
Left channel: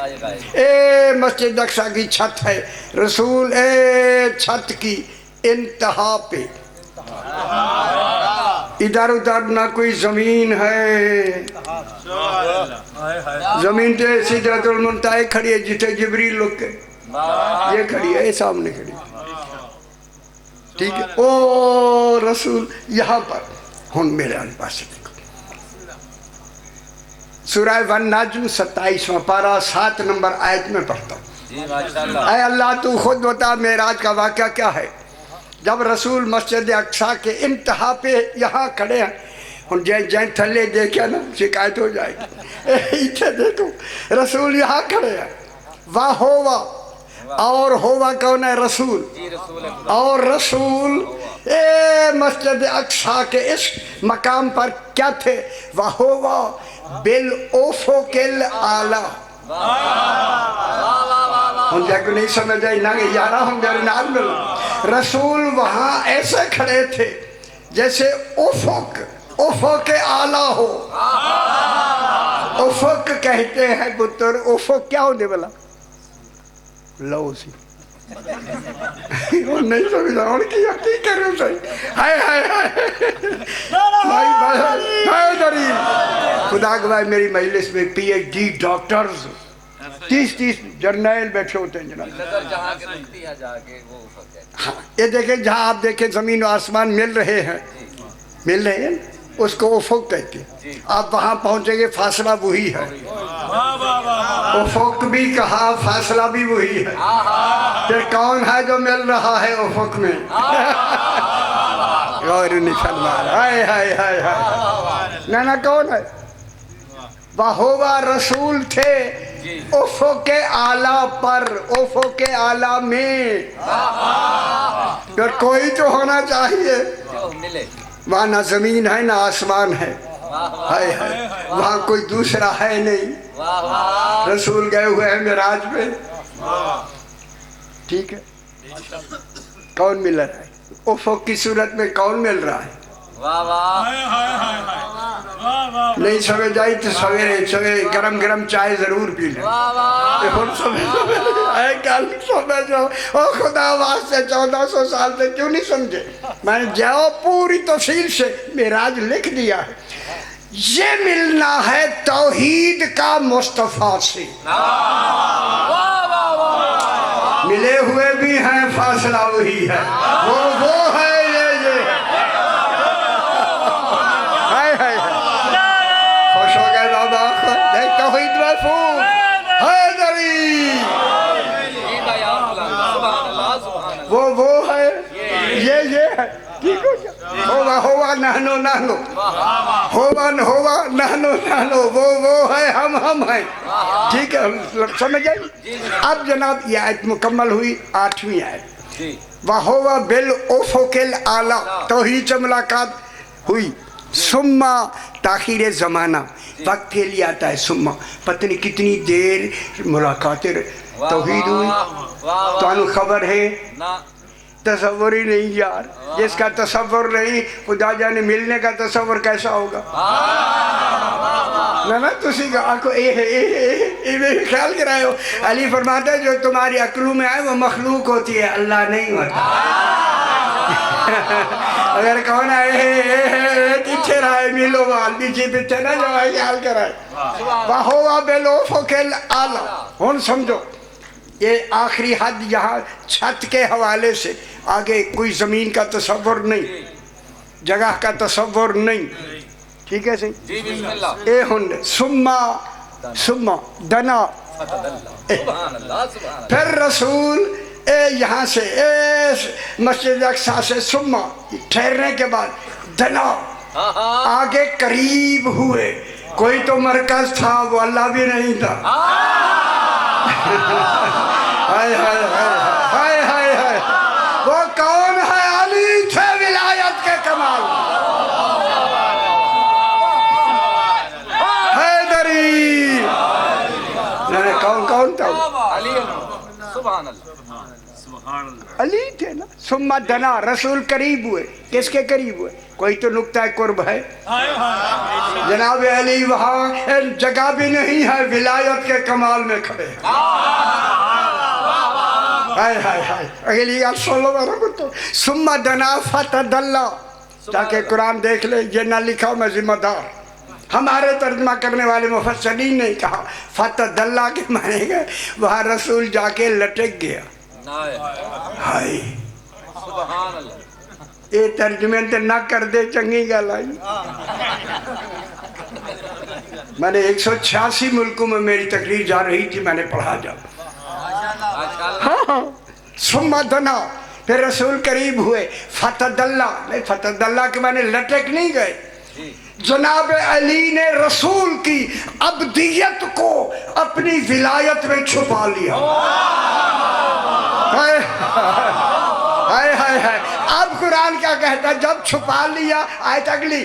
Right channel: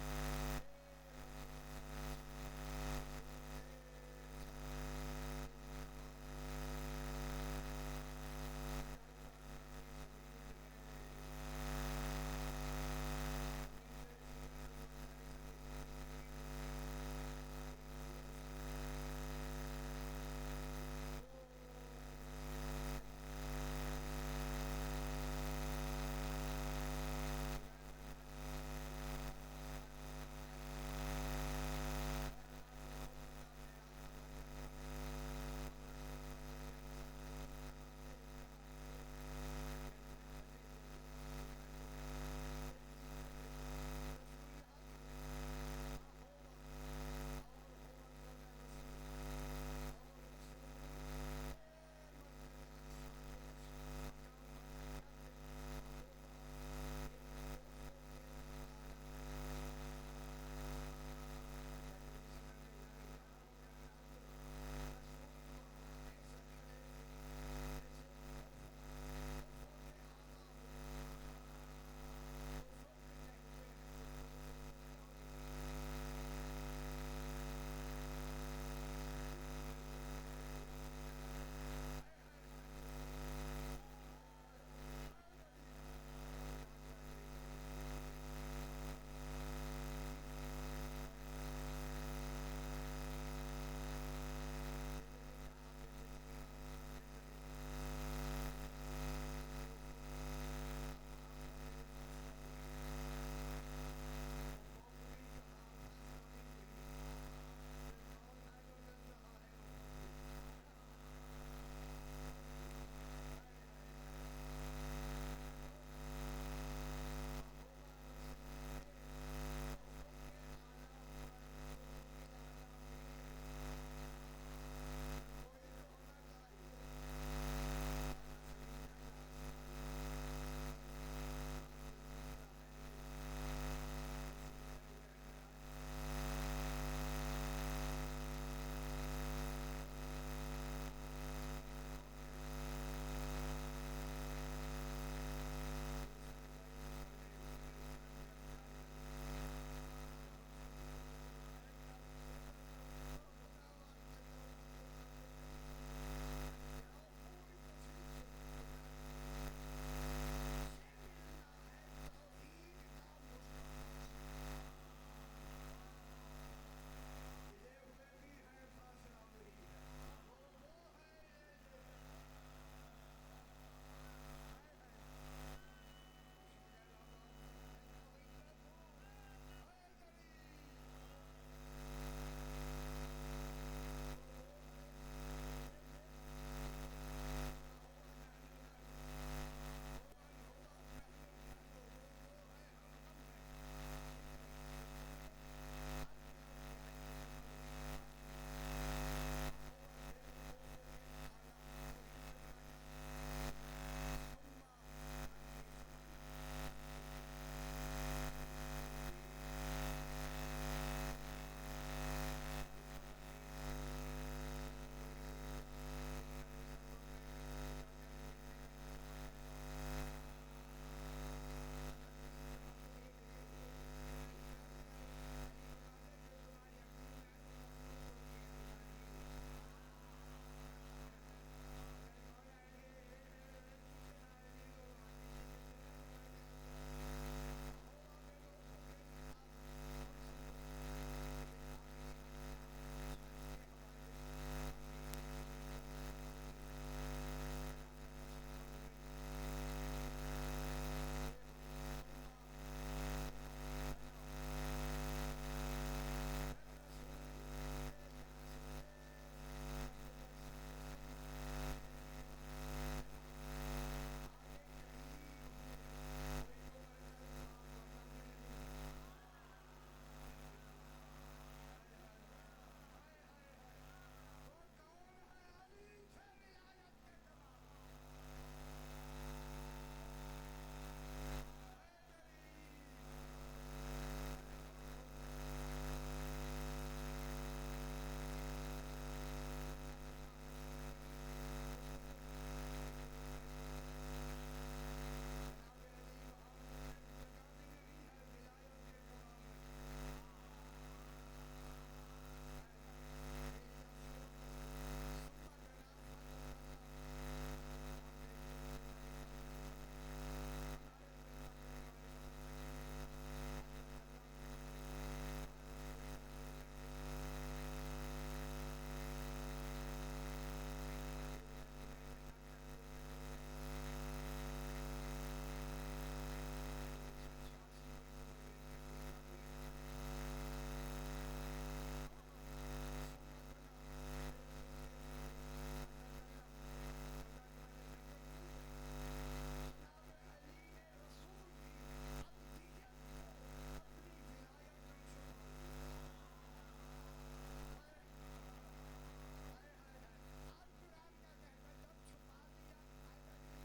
اے مسجد اقصی کی چھت ہے رسول، اے چھت کی انتہا پہ، ادھر ادھر نہ کوئی زمین ہے. زمین تے سدرۃ المنتہا کھڑی ہے جتھے جبریل لوگ کے، یہ کھڑی ہے، یہ سامنے کھڑی ہے، ٹھیک ہے. او رسول یہاں پر ہن میرے پاس دیکھو، سورہ والنجم 27واں پارہ 7 نمبر آیت میں پڑھتا ہوں. اے اللہ تو خود بتا معراج کا واقعہ کیا ہے. جب رسول مسجد اقصی کے انتہا پہ یہاں کھڑے ہیں، ہن جائیں تھلے دیکھا نا شکایت ہو جائے گی. اتھے دیکھو رسول یہاں کھڑے ہیں، واہ ہوا، اور ہوا کون ہے؟ رسول. اور رسول اے مسجد اقصی کے اس مقام پر کیا تھے؟ واہ ہوا بالافق الاعلی. ہم جا کو نہیں سمجھ آئی نہ کہ یارہ ہم میرے نال مل رسول وہاں ایسے کھڑے تھے جیسے افق اعلیٰ ہو. افق کہتے ہیں پتر افق کیا ہونے والا لو سی نہیں سمجھا ان کی یقین کروں صحیح ہائے ہائے ہائے دری خدا گواہ میری مجلس میں پی ایچ ڈی ڈاکٹرز 30 جرنیل بیٹھے ہوتے ہیں جناب. ہاں یہ دیکھیں جہاں آپ دیکھیں زمین و آسمان مل رہے ہیں اس کو افق کہتے ہیں. آپ وہاں پہنچیں گے فاصلہ وہی ہے. افق بھی کہا فاصلہ بھی وہی ہے. کہ کون ہے جو مل رہا ہے افق میں غور نہیں فرما ہائے ہائے ہائے ہائے نہ کون ہے وہ رسول تھے افق اعلیٰ پر افق اعلیٰ میں. پھر کوئی تو ہونا چاہیے وہاں نہ زمین ہے نہ آسمان ہے ہائے ہائے وہاں کوئی دوسرا ہے نہیں. رسول گئے ہوئے ہیں معراج پہ ٹھیک ہے. کون مل رہا ہے افق کی صورت میں کون مل رہا ہے نہیں سمجھ آئی تو سویرے گرم گرم چائے ضرور پی لیں. خدا واسطے 1400 سال سے کیوں نہیں سمجھے میں نے جاؤ پوری تفصیل سے معراج لکھ دیا ہے. یہ ملنا ہے توحید کا مصطفیٰ سے. ملے ہوئے بھی ہیں فاصلہ وہی ہے وہ ہے یہ خوش ہو گئے بابا دیکھ توحید محفوظ حیدری وہ ہے یہ ہے ٹھیک ہو گیا ہوا نہنو وہ ہے ہم ہیں ٹھیک ہے سمجھ آئی. اب جناب یہ آیت مکمل ہوئی 8ویں آیت وَهُوَ بِالْأُفُقِ الْأَعْلَىٰ توحید سے ملاقات ہوئی. سما تاخیر زمانہ وقت کے لیے آتا ہے سما پتہ نہیں کتنی دیر ملاقاتیں توحید ہوئی. تو انو خبر ہے تصور ہی نہیں یار جس کا تصور نہیں خدا جانے ملنے کا تصور کیسا ہوگا. نہ تسی کو خیال کرائے ہو. علی فرماتا ہے جو تمہاری عقلوں میں آئے وہ مخلوق ہوتی ہے اللہ نہیں ہوتا. اگر کون آئے پیچھے رہے ملو وال پیچھے نہ جو آئے خیال کرائے وَهُوَ بِالْأُفُقِ الْأَعْلَىٰ. ہن سمجھو یہ آخری حد یہاں چھت کے حوالے سے آگے کوئی زمین کا تصور نہیں جگہ کا تصور نہیں ٹھیک ہے صحیح. اے ہن سما دنا پھر رسول یہاں سے مسجد اقصیٰ سے سما ٹھہرنے کے بعد دنا آگے قریب ہوئے. کوئی تو مرکز تھا وہ اللہ بھی نہیں تھا. ہائے ہائے ہائے ہائے ہائے وہ کون ہے علی تھے ولایت کے کمال حیدری کون تھا علی تھے نا. ثم دنا رسول قریب ہوئے. کس کے قریب ہوئے کوئی تو نقطہ قرب ہے. جناب علی وہاں جگہ بھی نہیں ہے ولایت کے کمال میں کھڑے ہیں. اگلی آپ سن لو میرا بتو ثم دنا فتدلا تاکہ قرآن دیکھ لے یہ نہ لکھا میں ذمہ دار. ہمارے ترجمہ کرنے والے مفسرین نے کہا فتدلا کے معنی گئے وہاں رسول جا کے لٹک گیا. ہائے یہ ترجمے تے نہ کر دے چنگی گل آئی. میں نے 186 ملکوں میں میری تقریر جا رہی تھی میں نے پڑھا جا. ہاں ثم دنا پھر رسول قریب ہوئے فتدلا کے معنی لٹک نہیں گئے. جناب علی نے رسول کی عبدیت کو اپنی ولایت میں چھپا لیا. ہائے ہائے ہائے. اب قرآن کیا کہتا ہے جب چھپا لیا آیت اگلی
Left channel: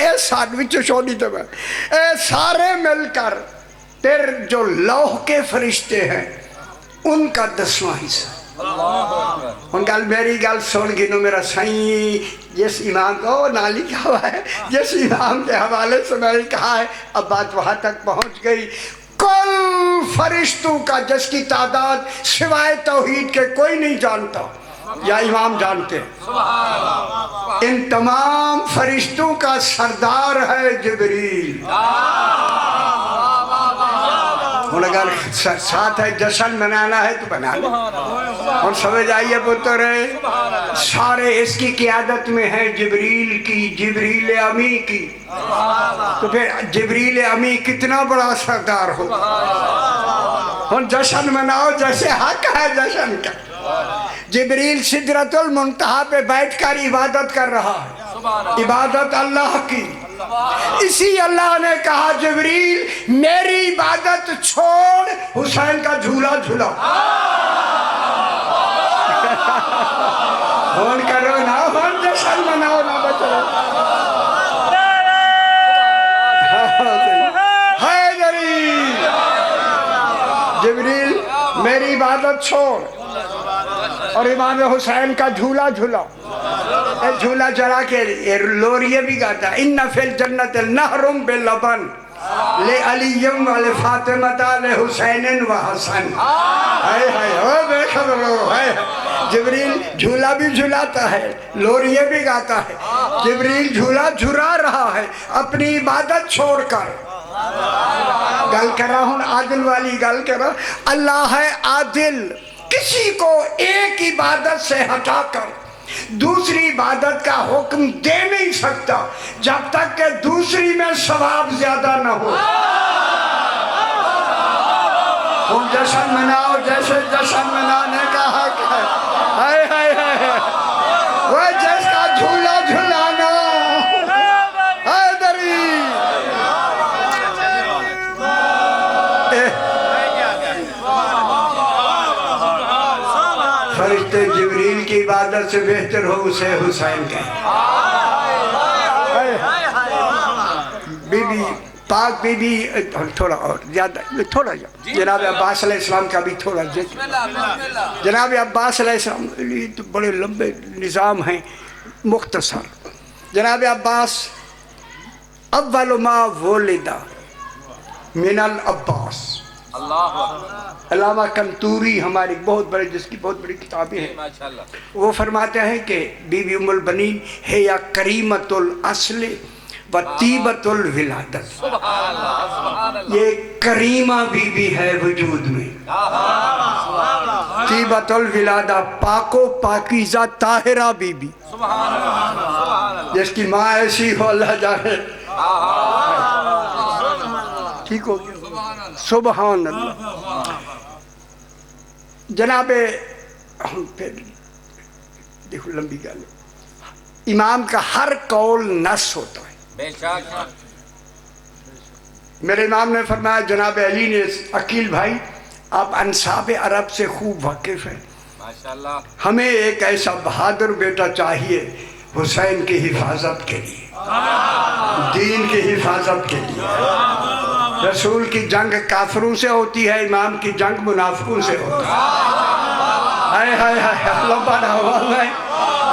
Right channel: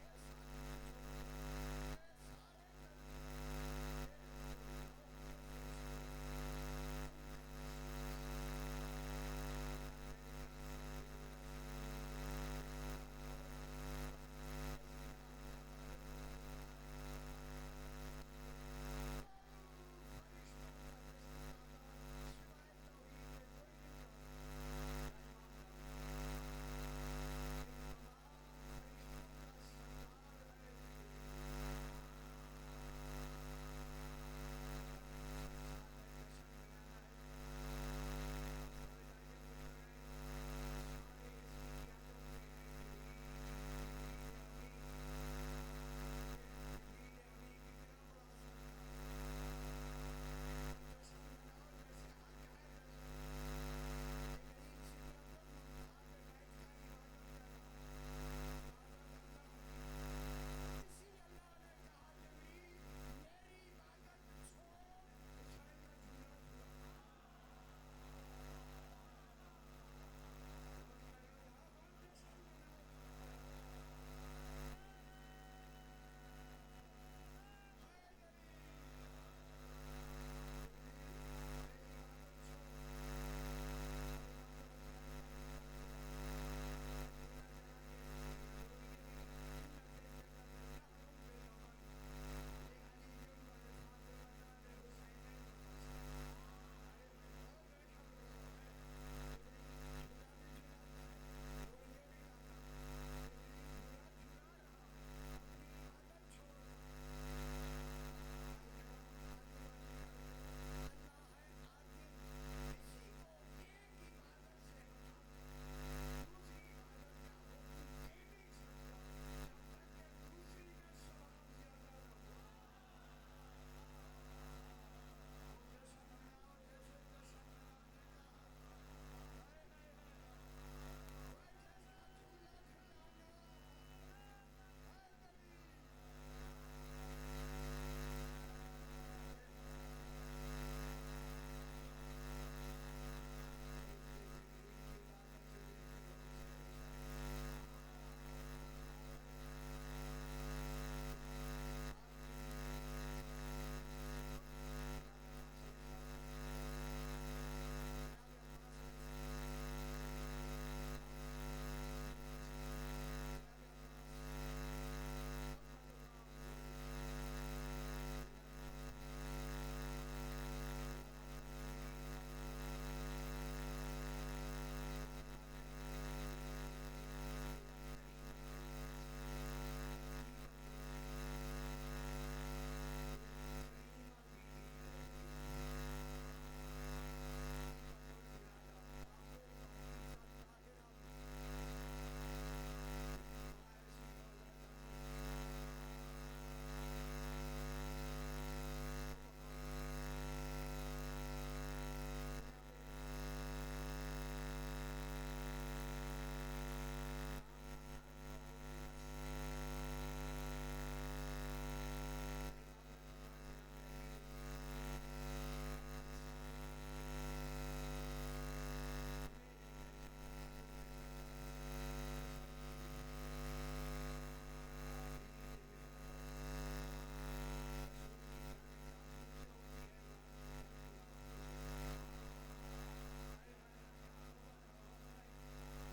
اے سانڈوچ چھوڑی تو میں اے سارے مل کر پھر جو لوح کے فرشتے ہیں ان کا 10واں حصہ ان گل میری گل سن گنو میرا سائیں جس امام کو نہ لکھا ہوا ہے جس امام کے حوالے سے میں نے کہا ہے اب بات وہاں تک پہنچ گئی کل فرشتوں کا جس کی تعداد سوائے توحید کے کوئی نہیں جانتا یا امام جانتے ہیں ان تمام فرشتوں کا سردار ہے جبریل اور اگر ساتھ ہے جشن منانا ہے تو بنا لیں اور سمجھ آئیے پتر سارے اس کی قیادت میں ہے جبریل کی جبریل امی کی تو پھر جبریل امی کتنا بڑا سردار ہو اور جشن مناؤ جیسے حق ہے جشن کا جبریل سدرۃ المنتہا پہ بیٹھ کر عبادت کر رہا ہے عبادت اللہ کی اسی اللہ نے کہا جبریل میری عبادت چھوڑ حسین کا جھولا جھولا ہون کرو نا ہون جشن مناؤ نا بچو حیدری جبریل میری عبادت چھوڑ اور امام حسین کا جھولا جھولا جھولا چلا کے لوریے بھی گاتا ان فی الجنت نہر بلبن لعلی و لفاطمہ لحسین و حسن ہائے ہائے او بے خبر ہو جبریل جھولا بھی جھولاتا ہے لوریے بھی گاتا ہے جبریل جھولا جھلا رہا ہے اپنی عبادت چھوڑ کر گل کر رہا ہوں عادل والی گل کر رہا اللہ ہے عادل کسی کو ایک عبادت سے ہٹا کر دوسری عبادت کا حکم دے نہیں سکتا جب تک کہ دوسری میں ثواب زیادہ نہ ہو تم جشن مناؤ جیسے جشن منانے کا حق ہے ہائے ہائے ہائے وہ جس کا جھولا جھلانا حیدری فرشتے جبریل کی عبادت سے بہتر ہو اسے حسین کہیں بی بی پاک بی بی تھوڑا اور زیادہ تھوڑا جناب عباس علیہ السلام کا بھی تھوڑا ذکر جناب عباس علیہ السلام یہ تو بڑے لمبے نظام ہیں مختصر جناب عباس اول ما ولد من العباس علامہ کنتوری ہماری بہت بڑے جس کی بہت بڑی کتابیں ہیں وہ فرماتے ہیں کہ بی بی ام البنین ہے یا کریمت الاصل و طیبت الولادت یہ کریمہ بی بی ہے وجود میں طیبت الولادہ پاک و پاکیزہ طاہرہ بی بی جس کی ماں ایسی ہو اللہ جانے ٹھیک ہو گیا سبحان اللہ جناب دیکھو لمبی گل امام کا ہر قول نص ہوتا ہے میرے امام نے فرمایا جناب علی نے عقیل بھائی آپ انصاب عرب سے خوب واقف ہیں ہمیں ایک ایسا بہادر بیٹا چاہیے حسین کی حفاظت کے لیے دین کی حفاظت کے لیے رسول کی جنگ کافروں سے ہوتی ہے امام کی جنگ منافقوں سے ہوتی ہے ہائے ہائے ہائے اللہ بڑا ہوا ہے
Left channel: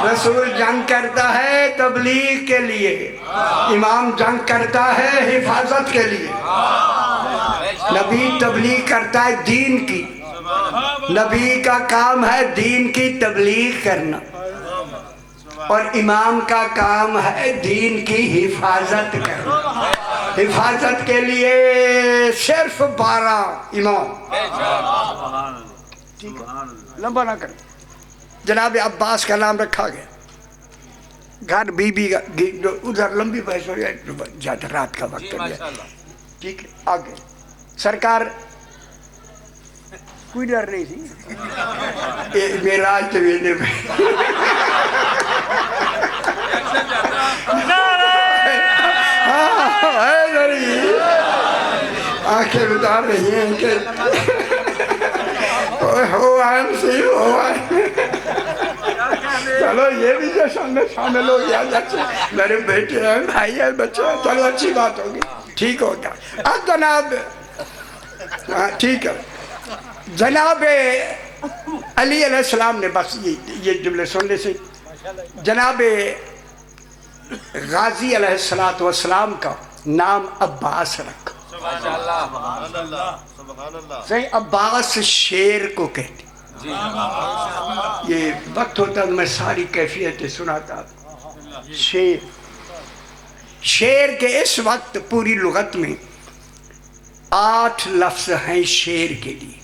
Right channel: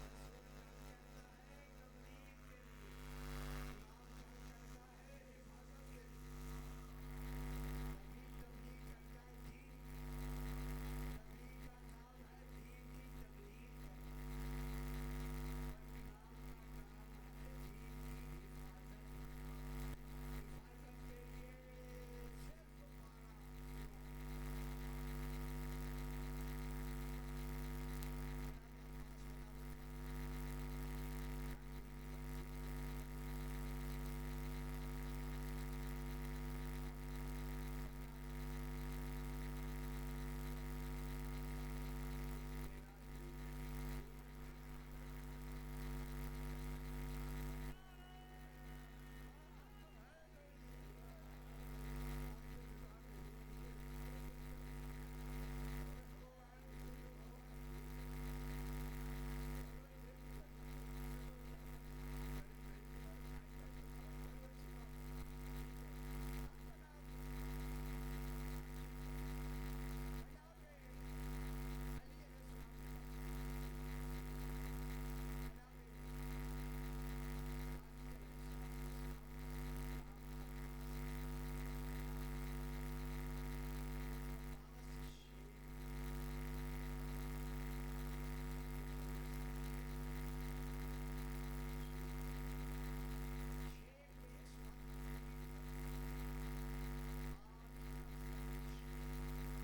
رسول جنگ کرتا ہے تبلیغ کے لیے امام جنگ کرتا ہے حفاظت کے لیے نبی تبلیغ کرتا ہے دین کی نبی کا کام ہے دین کی تبلیغ کرنا اور امام کا کام ہے دین کی حفاظت کرنا حفاظت کے لیے صرف 12 امام لمبا نہ کریں جناب عباس کا نام رکھا گیا گھر بی بی ادھر لمبی بحث ہو جائے زیادہ رات کا وقت ہو جائے ٹھیک ہے آگے سرکار کوئی ڈر نہیں تھی میراج تو ویلے میں آنکھیں بتا رہی ہیں کہ ہو آئیں سی ہو آئیں چلو یہ بھی جشن میں شامل ہو گیا, میرے بیٹے ہیں, بھائی ہیں, بچے ہیں, چلو اچھی بات ہوگی, ٹھیک ہو گیا. اب جناب ٹھیک ہے, جناب علی علیہ السلام نے بس یہ جملے سننے سے جناب غازی علیہ السلام کا نام عباس رکھا. صحیح, عباس شیر کو کہتے. یہ وقت ہوتا میں ساری کیفیتیں سناتا. شیر کے اس وقت پوری لغت میں 8 لفظ ہیں شیر کے لیے.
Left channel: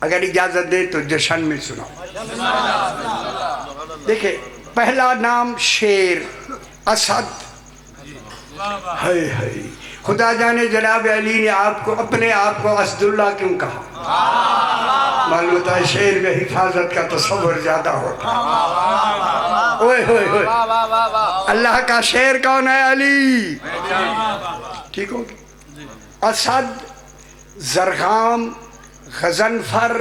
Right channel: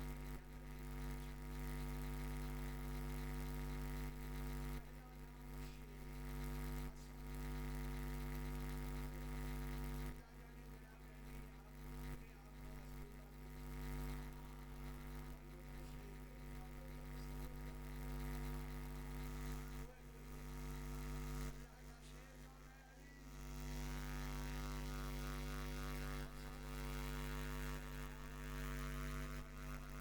اگر اجازت دے تو جشن میں سناؤ. دیکھیں, پہلا نام شیر, اسد. خدا جانے جناب علی نے آپ کو اپنے آپ کو اسد اللہ کیوں کہا. معلوم ہوتا ہے شیر میں حفاظت کا تصور زیادہ ہوتا. اوئے ہوئے ہوئے, اللہ کا شیر کون ہے؟ علی. ٹھیک ہو گیا. اسد, زرغام, غضنفر,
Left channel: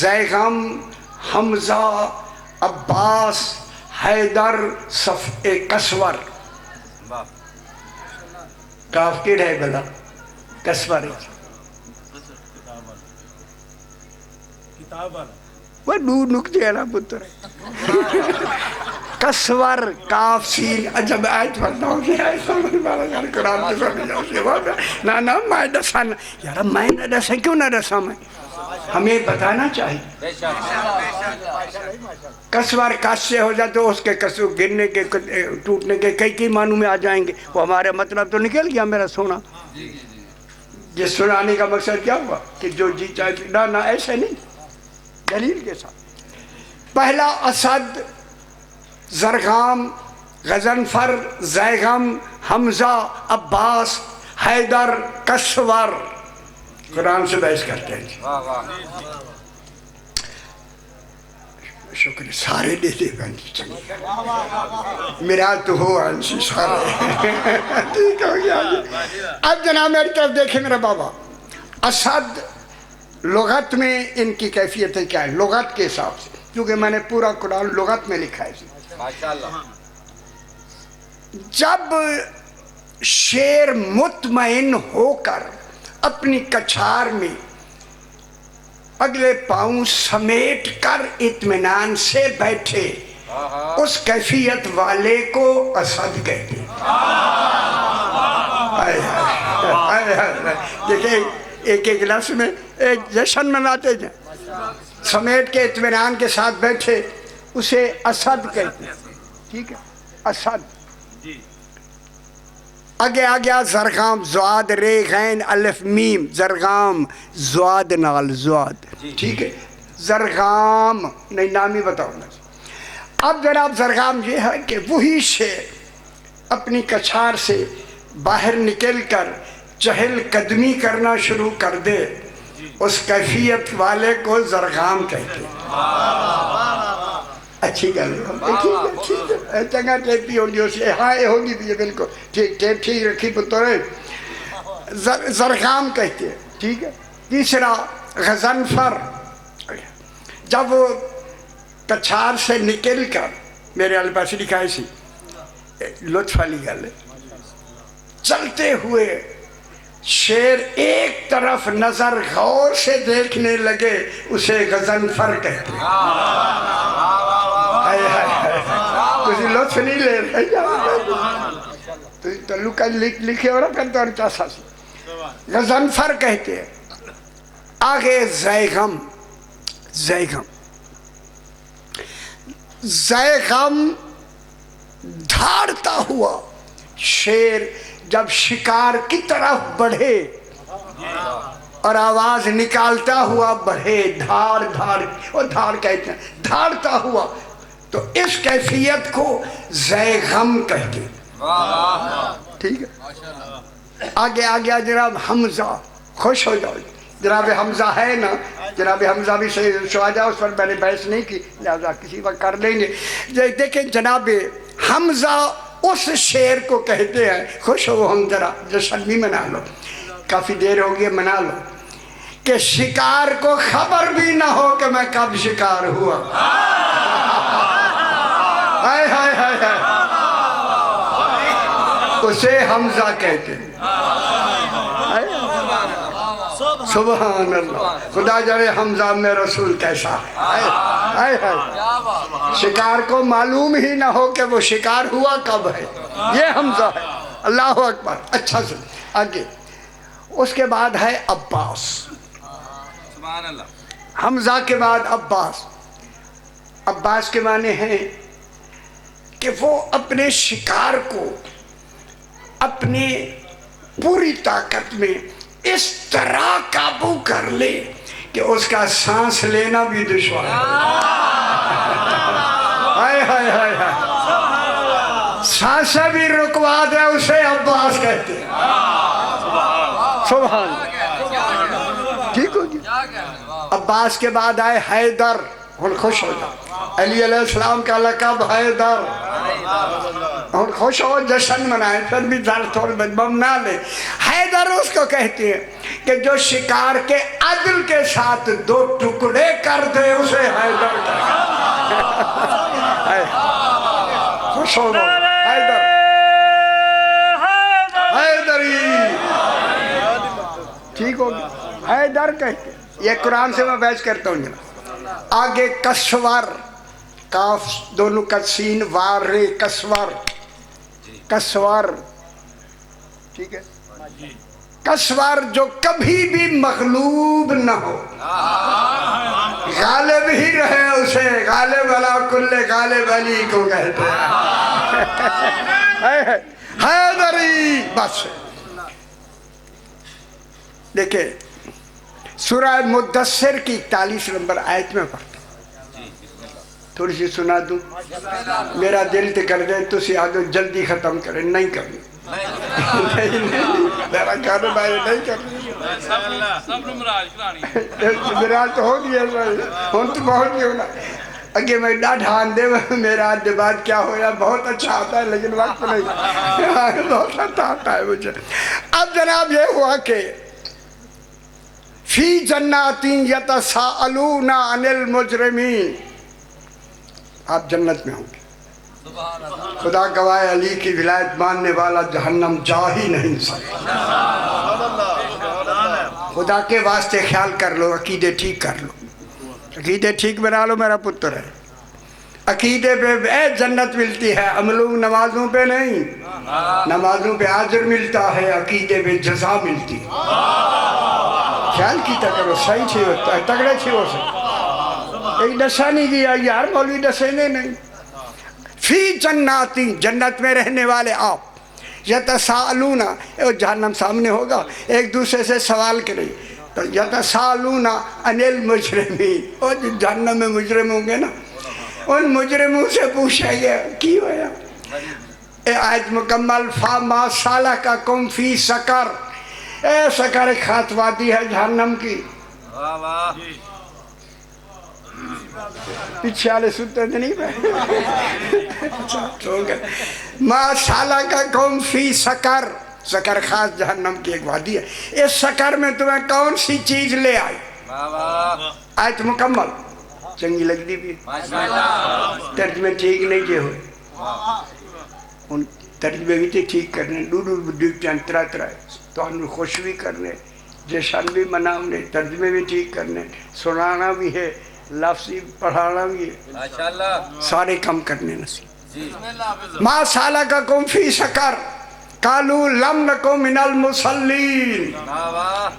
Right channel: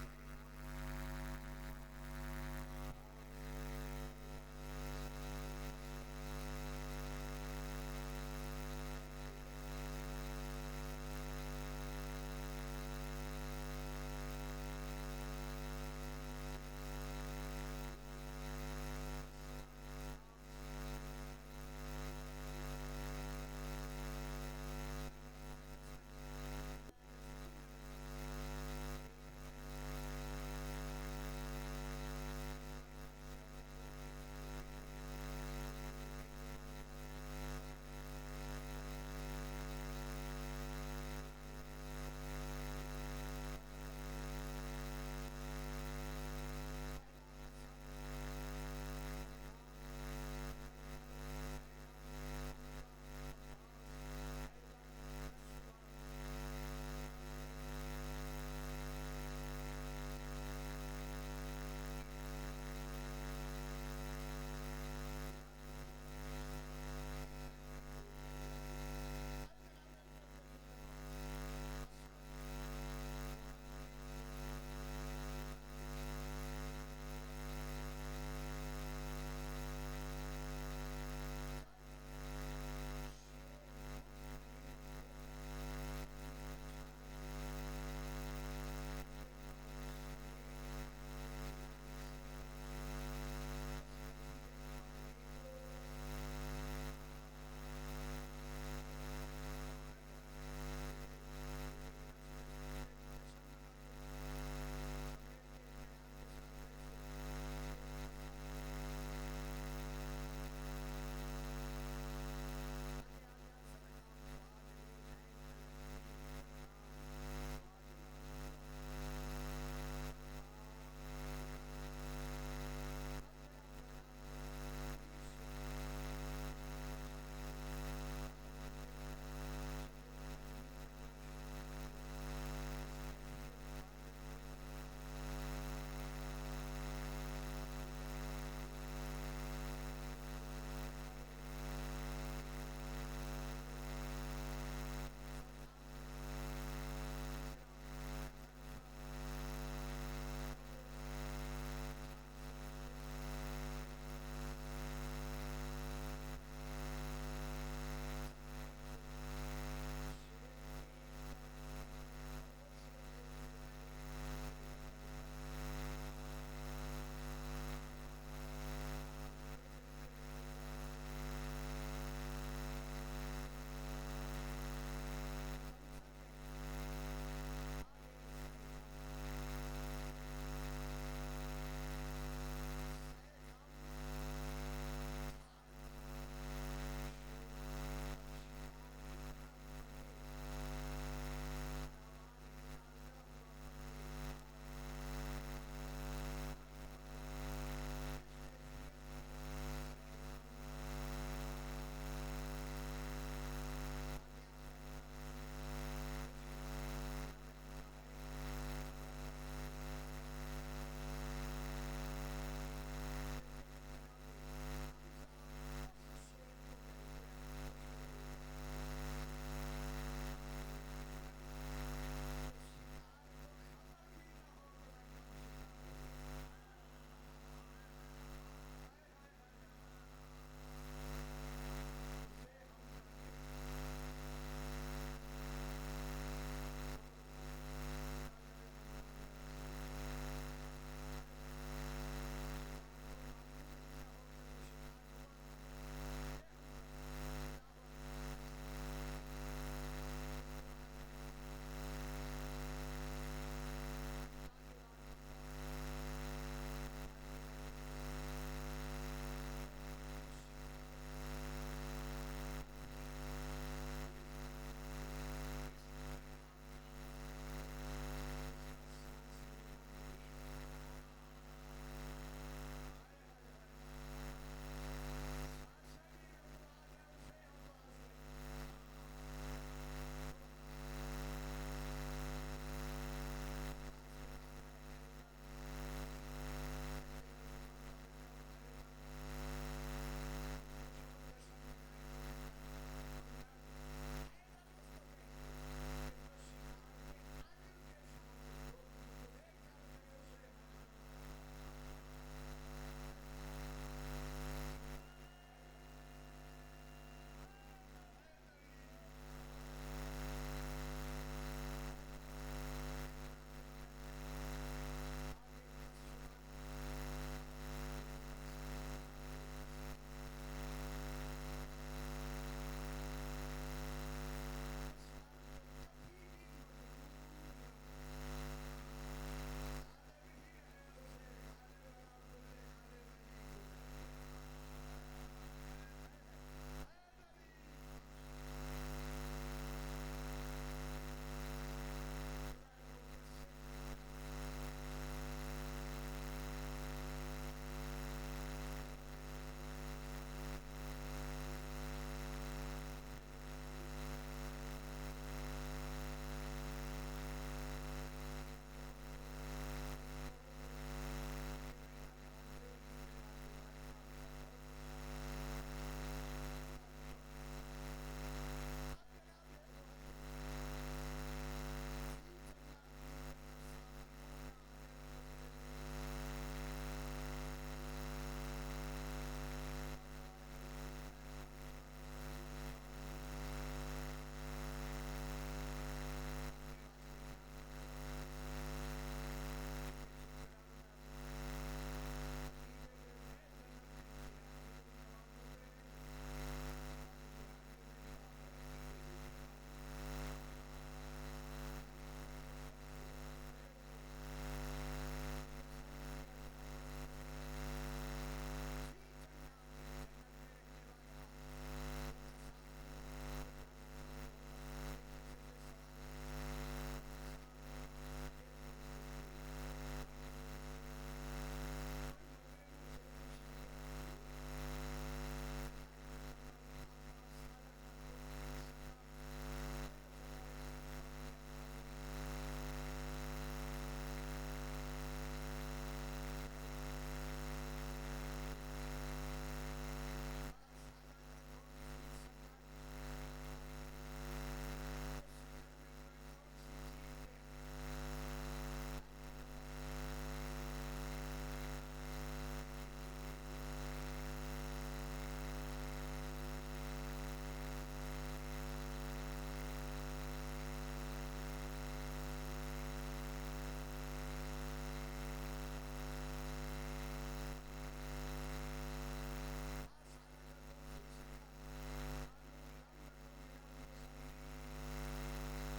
زیغم, حمزہ, عباس, حیدر, کسور. کاف کیڑ ہے بلا کسور ہے وہ دو نکتے ہیں نا پتر. کسور, کاف, سین. عجب آیت پڑھتا ہوں کہ ایسا من بارا یار قرآن کے ساتھ جاؤ سے نا میں دسان یار میں نہ دسیں کیوں نہ دساں میں, ہمیں بتانا چاہیے. کسور کاش سے ہو جائے تو اس کے کسو گرنے کے ٹوٹنے کے کئی معنوں میں آ جائیں گے. وہ ہمارے مطلب تو نکل گیا میرا سونا. یہ سنانے کا مقصد کیا ہوا کہ جو جی چاہے نہ ایسے نہیں, دلیل کے ساتھ. پہلا اسد, زرغام, غضنفر, زیغم, حمزہ, عباس, حیدر, کسور. قرآن سے بحث کرتے ہیں. شکر سارے دے دے گا میرا تو ہو انسی سارے. ٹھیک ہو گیا. اب جناب میری طرف دیکھیں میرا بابا. اسد لغت میں ان کی کیفیتیں کیا ہے لغت کے حساب سے, کیونکہ میں نے پورا قرآن لغت میں لکھا ہے. جب شیر مطمئن ہو کر اپنی کچھار میں اگلے پاؤں سمیٹ کر اطمینان سے بیٹھے, اس کیفیت والے کو اسد کہتے ہیں. دیکھیں ایک ایک لفظ میں ایک جشن مناتے ہیں. سمیٹ کے اطمینان کے ساتھ بیٹھے اسے اسد کہتے ہیں. ٹھیک ہے, اسد. آگے آ گیا زرغام, زواد, رے, غین, الف, میم. زرغام زواد نال زواد. ٹھیک ہے, زرغام نہیں نام ہی بتاؤں گا. اب جناب زرغام یہ ہے کہ وہی شیر اپنی کچھار سے باہر نکل کر چہل قدمی کرنا شروع کر دے, اس کیفیت والے کو زرغام کہتے ہیں. اچھی گل ہے, چنگا ٹیپی ہوگی اسے. ہاں یہ ہوگی بھی بالکل ٹھیک, ٹیپ ٹھیک رکھی پتر. زرغام کہتے ہیں. ٹھیک ہے. تیسرا غضنفر, جب وہ کچھار سے نکل کر, میرے والے پاس لکھا ہے سی لطف والی گل ہے, چلتے ہوئے شیر ایک طرف نظر غور سے دیکھنے لگے, اسے غضنفر کہتے ہیں. تجھے لطف نہیں لے رہے تعلقہ لکھے ہو رہا کرتا اور چاسا سے غضنفر کہتے ہیں. آگے زیغم. زیغم دھاڑتا ہوا شیر جب شکار کی طرف بڑھے اور آواز نکالتا ہوا بڑھے, دھاڑ وہ دھاڑ کہتے ہیں, دھاڑتا ہوا, تو اس کیفیت کو زیغم کہتے ہیں. ٹھیک ہے. آگے آ گیا جناب حمزہ. خوش ہو جاؤ, جناب حمزہ ہے نا, جناب حمزہ بھی شواجہ, اس پر میں نے بحث نہیں کی, لہذا کسی وقت کر لیں گے. دیکھیں جناب حمزہ اس شیر کو کہتے ہیں, خوش ہو ہم ذرا جشن بھی منا لو, کافی دیر ہو گئی منا لو, کہ شکار کو خبر بھی نہ ہو کہ میں کب شکار ہوا. ہائے ہائے ہائے ہائے. اسے حمزہ کہتے ہیں. سبحان اللہ. خدا جانے حمزہ میں رسول کیسا ہے. ہائے ہائے. شکار کو معلوم ہی نہ ہو کہ وہ شکار ہوا کب ہے. یہ حمزہ ہے. اللہ اکبر. اچھا سے آگے اس کے بعد ہے عباس. حمزہ کے بعد عباس. عباس کے معنی ہیں کہ وہ اپنے شکار کو اپنے پوری طاقت میں اس طرح قابو کر لے کہ اس کا سانس لینا بھی دشوار ہے. ہائے ہائے ہائے ہائے. سانسیں بھی رکوا دے اسے عباس کہتے ہیں. سبحان اللہ. ٹھیک ہو جی. عباس کے بعد آئے حیدر. ہن خوش ہو جاؤ. علی علیہ السلام کا لقب حیدر. ہن خوش ہو, جشن منائیں. پھر بھی تھوڑے بم نہ لے. حیدر اس کو کہتے ہیں کہ جو شکار کے عدل کے ساتھ دو ٹکڑے کر دے اسے حیدر کہتے ہیں. خوش ہو جاؤ. حیدر حیدری. ٹھیک ہو گیا. حیدر کہتے ہیں. یہ قرآن سے میں بحث کرتا ہوں جناب. آگے کسور. کاف دونوں کا سین وار رے. کسور کسور. ٹھیک ہے. کسور جو کبھی بھی مغلوب نہ ہو, غالب ہی رہے اسے غالب علی کل غالب علی کو کہتے ہیں. حیدری. بس دیکھیں سورہ مدثر کی 41 نمبر آیت میں پڑھتا. تھوڑی سی سنا دوں. میرا دل تو کر دے تو سیادو جلدی ختم کرے. نہیں کرنی. میرا کہنا بھائی نہیں کرنی. میرا تو ہو گیا. ہوں تو بہت ہی ہونا. اگے میں ڈاڈھا آن دے میرا آدھے بعد کیا ہویا. بہت اچھا آتا ہے لیکن وقت نہیں. بہت اچھا آتا ہے مجھے. اب جناب یہ ہوا کہ فی جنات یتساءلون عن المجرمین. آپ جنت میں ہوں گے. خدا گواہ علی کی ولایت ماننے والا جہنم جا ہی نہیں سکتا. خدا کے واسطے خیال کر لو. عقیدے ٹھیک کر لو. عقیدے ٹھیک بنا لو. میرا پتر ہے. عقیدے پہ جنت ملتی ہے. عملوں نمازوں پہ نہیں. نمازوں پہ اجر ملتا ہے. عقیدے پہ جزا ملتی ہے. خیال کیتا کرو. صحیح چھے ہوتا ہے. تگڑے چھے ہو سکتے. ایک دسا نہیں گیا یار. مولوی دسے نہیں. فی جناتی. جنت میں رہنے والے آپ. یتساءلون. جہنم سامنے ہوگا. ایک دوسرے سے سوال کریں. تو یتساءلون عن المجرمین. اور جہنم میں مجرم ہوں گے نا, ان مجرموں سے پوچھا گیا کی ہویا. اے آیت مکمل. فَمَا سَلَكَكُمْ فِي سَقَرَ. اے سقر ایک خات وادی ہے جہنم کی. پیچھے والے سنتے تو نہیں پہ. ما سَلَكَكُمْ فِي سَقَرَ. سقر خاص جہنم کی ایک وادی ہے. اس سقر میں تمہیں کون سی چیز لے آئی. آیت مکمل. چنگی لگتی بھی. ترجمے ٹھیک نہیں جے ہوئے. ان ترجمے بھی ٹھیک کرنے. طرح طرح تو ہم خوش بھی کرنے. جشن بھی منانے. ترجمے بھی ٹھیک کرنے. سنانا بھی ہے. لفظی پڑھانا بھی ہے. سارے کم کرنے نصیب. ما سالککم فی سقر قالوا لم نکن من المصلین.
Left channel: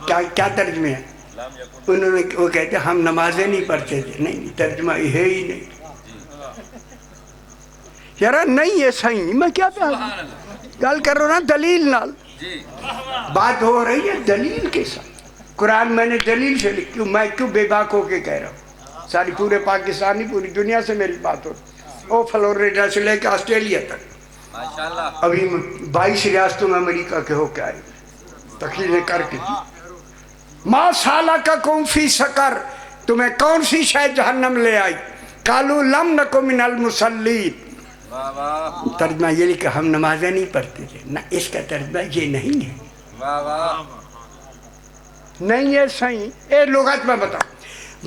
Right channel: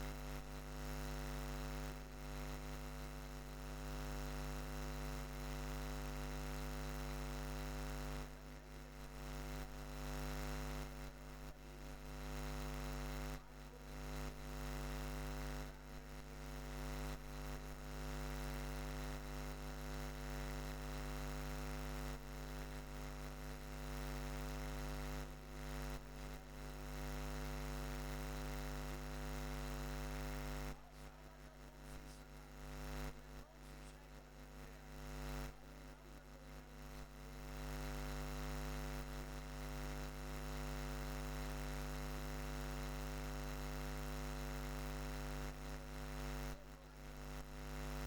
کیا ترجمے ہے. انہوں نے وہ کہتے ہم نمازیں نہیں پڑھتے تھے. نہیں, ترجمہ یہ ہے ہی نہیں. یارا نہیں ہے صحیح. میں کیا گل کر رہا ہوں نا دلیل نال. بات ہو رہی ہے دلیل کے ساتھ. قرآن میں نے دلیل سے لکھی. میں کیوں بے باک ہو کے کہہ رہا ہوں. ساری پورے پاکستانی پوری دنیا سے میری بات ہو. وہ فلوریڈا سے لے کے آسٹریلیا تک. ابھی 22 ریاستوں میں امریکہ کے ہو کے آئے. تقریریں کر کے. ما سالککم فی سقر. تمہیں کون سی شے جہنم لے آئی. قالوا لم نکن من المصلین. ترجمہ یہ لکھا ہم نمازیں نہیں پڑھتے تھے. نہ, اس کا ترجمہ یہ نہیں ہے. نہیں ہے صحیح، اے لغت میں بتاؤ،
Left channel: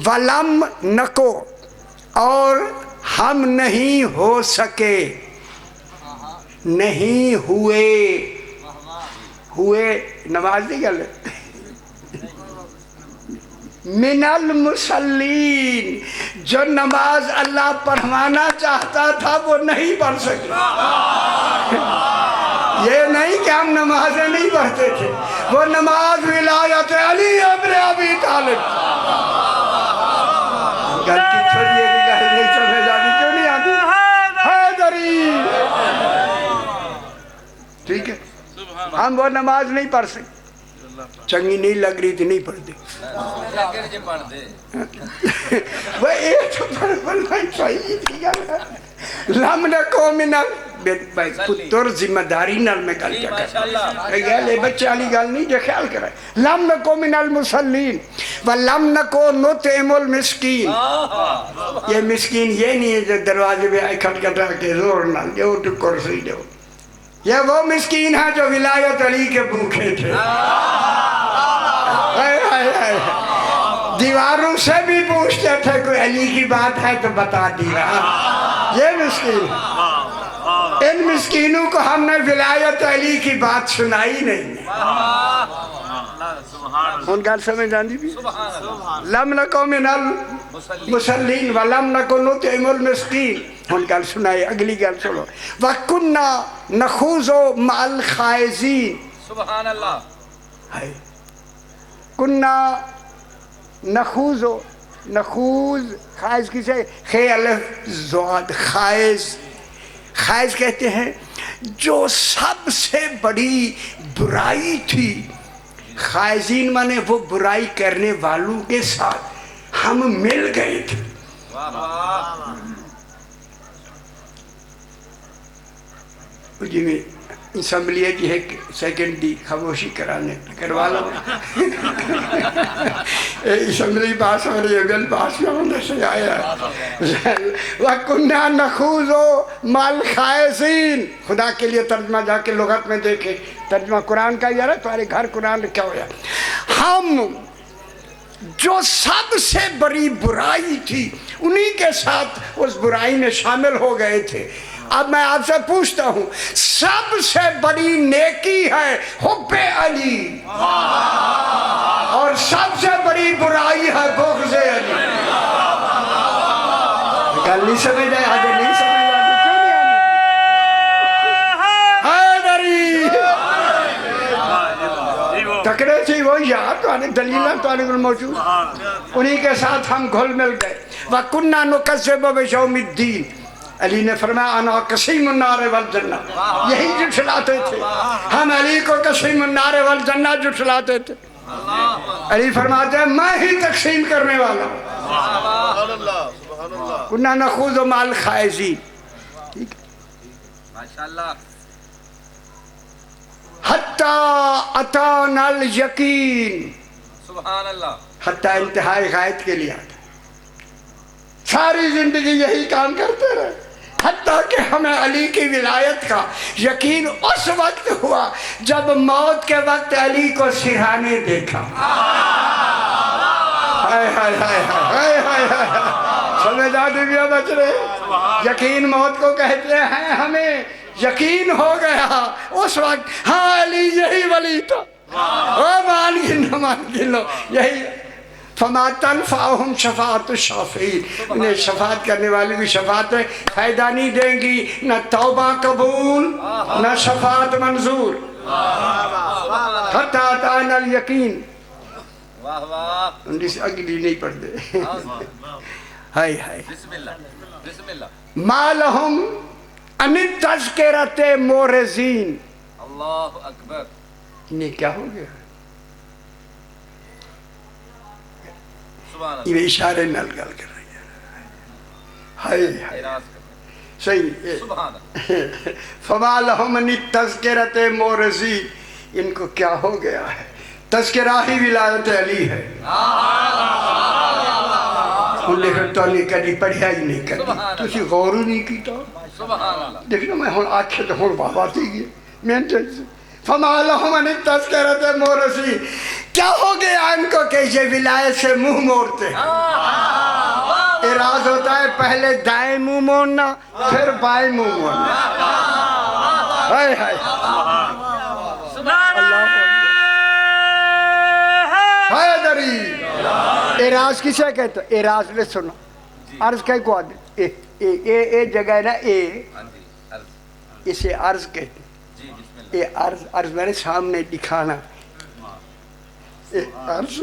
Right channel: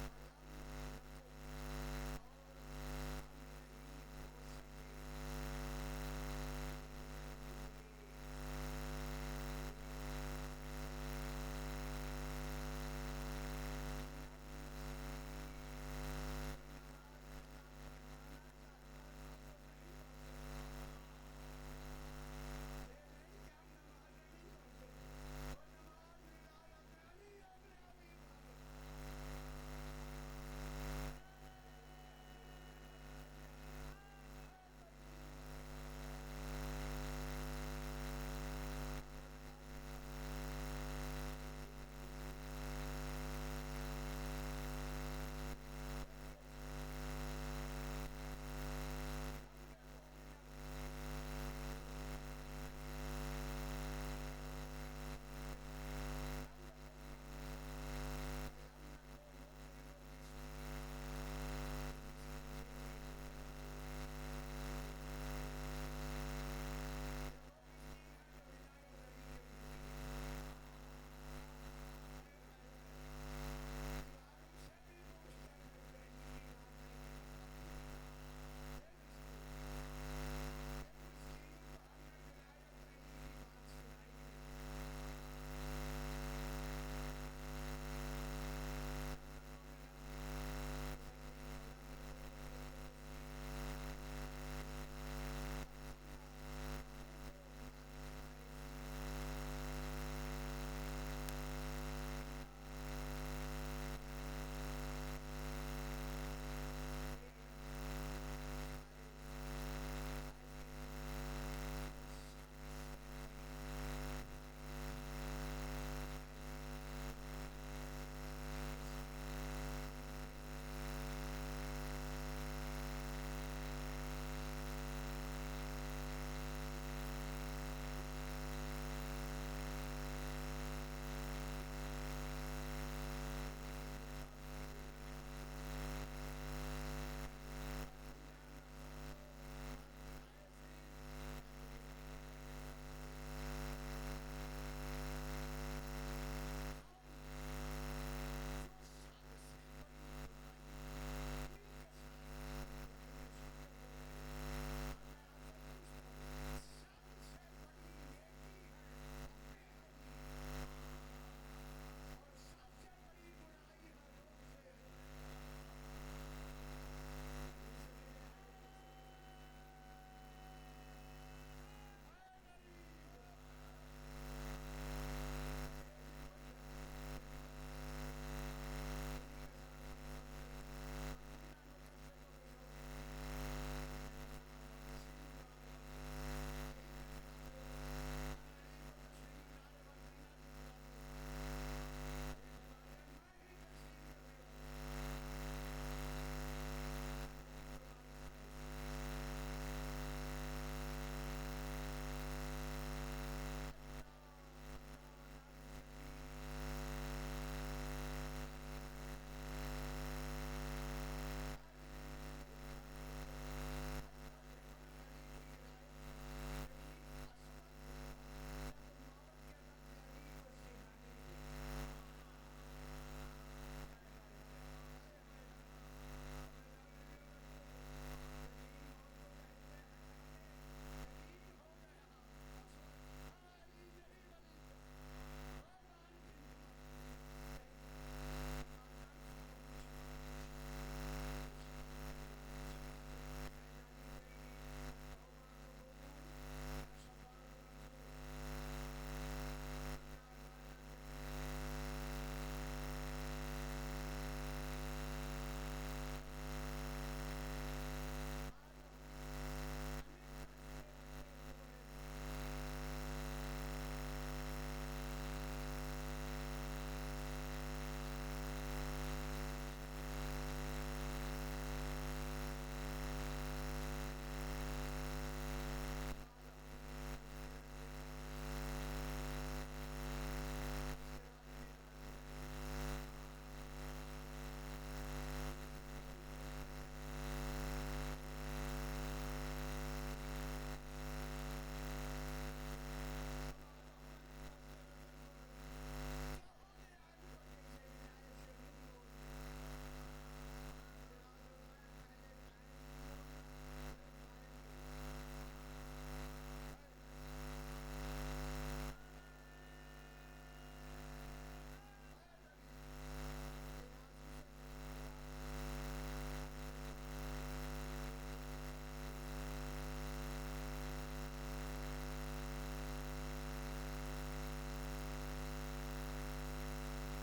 ولم نکو اور ہم نہیں ہو سکے، نہیں ہوئے، ہوئے نماز نہیں کر لے، من المصلین، جو نماز اللہ پڑھوانا چاہتا تھا وہ نہیں پڑھ سکے۔ یہ نہیں کہ ہم نمازیں نہیں پڑھتے تھے، وہ نماز ولایت علی ابن ابی طالب، غلطی چھوڑیے کہ گھر نہیں سمجھ آتی، کیوں نہیں آتی؟ حیدری، ٹھیک ہے، ہم وہ نماز نہیں پڑھ سکتے، چنگی نہیں لگ رہی تھی نہیں پڑھتے، وہ ایک تو پڑھنا صحیح تھی، لم نکو من پتر ذمہ داری نال میں گل کیا کر لے بچے والی گل نہیں جو خیال کرے، لم نکو من المصلین ولم نکو نطعم المسکین، یہ مسکین یہ نہیں ہے جو دروازے پہ آئے کھٹ کھٹا کے زور نہ دو تو کرسی دو، یہ وہ مسکین ہے جو ولایت علی کے بھوکے تھے، دیواروں سے بھی پوچھتے تھے کوئی علی کی بات ہے تو بتا دیا، یہ مسکین، ان مسکینوں کو ہم نے ولایت علی کی بات سنائی نہیں ہے، ان گل سمجھ آندی بھی، لم نکو من المصلین ولم نکو نطعم المسکین، ان گل سنائی، اگلی گل سنو، وَكُنَّا نَخُوضُ مَعَ الْخَائِضِينَ، سبحان اللہ، کنّا نخوض، نخوض خائض کسے، خے الف زواد، خائض، خائض کہتے ہیں جو سب سے بڑی برائی تھی، خائضین مانے وہ برائی کرنے والوں کے ساتھ ہم مل گئے تھے، جی میں اسمبلی کی ایک سیکنڈ دی خاموشی کرانے کروا لو، اسمبلی پاس ہو رہی ہے، بل پاس میں ہونے سے آیا ہے، وَكُنَّا نَخُوضُ مَعَ الْخَائِضِينَ، خدا کے لیے ترجمہ جا کے لغت میں دیکھیں، ترجمہ قرآن کا یہ ہے، تمہارے گھر قرآن لکھا ہوا ہے، ہم جو سب سے بڑی برائی تھی انہی کے ساتھ اس برائی میں شامل ہو گئے تھے، اب میں آپ سے پوچھتا ہوں سب سے بڑی نیکی ہے حب علی اور سب سے بڑی برائی ہے بغض علی، گل نہیں سمجھ آئے، آگے نہیں سمجھ آئے، کیوں نہیں آئے؟ تکڑے تھی وہ یاد تو آنے دلیلہ تو آنے موجود، انہی کے ساتھ ہم گھل مل گئے، وَكُنَّا نُكَذِّبُ بِيَوْمِ الدِّينِ، علی نے فرمایا انا قسیم النار والجنہ، یہی جھٹلاتے تھے، ہم علی کو قسیم النار والجنہ جھٹلاتے تھے، علی فرماتے ہیں میں ہی تقسیم کرنے والا ہوں، کننا نخوض مع الخائضین، حتی اتانا الیقین، حتی انتہائی غائب کے لیے آتا، ساری زندگی یہی کام کرتے رہے، حتیٰ کہ ہمیں علی کی ولایت کا یقین اس وقت ہوا جب موت کے وقت علی کو سرہانے دیکھا، سمجھ آتے بھی بچ رہے، یقین موت کو کہتے ہیں، ہمیں یقین ہو گیا اس وقت ہاں علی یہی ولی تھا، مان گنو یہی، فما تنفعهم شفاعت الشافعین، انہیں شفاعت کرنے والے کی شفاعت فائدہ نہیں دیں گی، نہ توبہ قبول نہ شفاعت منظور، حتی اتانا الیقین، اگلی نہیں پڑھ دے، ہائے ہائے، ما لہم ان التذکرۃ مورزین، اللہ اکبر، انہیں کیا ہو گیا، یہ اشارے نال گل کر رہی ہے، ہائے صحیح، فما لہم ان التذکرۃ مورزین، ان کو کیا ہو گیا ہے، تذکرہ ہی ولایت علی ہے، انہیں تو نہیں کری پڑھیا ہی نہیں کری، تسی غور ہی نہیں کیتا، دیکھنا میں ہوں آکھے تو ہوں بابا تھی گئی، فما لہم ان التذکرۃ مورزین، کیا ہو گیا ان کو کہ یہ ولایت سے منہ موڑتے ہیں؟ اعراض ہوتا ہے پہلے دائیں منہ موڑنا پھر بائیں منہ موڑنا. ہائے ہائے ہائے دری. اعراض کسے کہتے ہیں؟ اعراض نے سنو عرض کہے کو آدھے اے جگہ ہے نا اے اسے عرض کہتے ہیں. اے عرض میرے سامنے دکھانا. عرض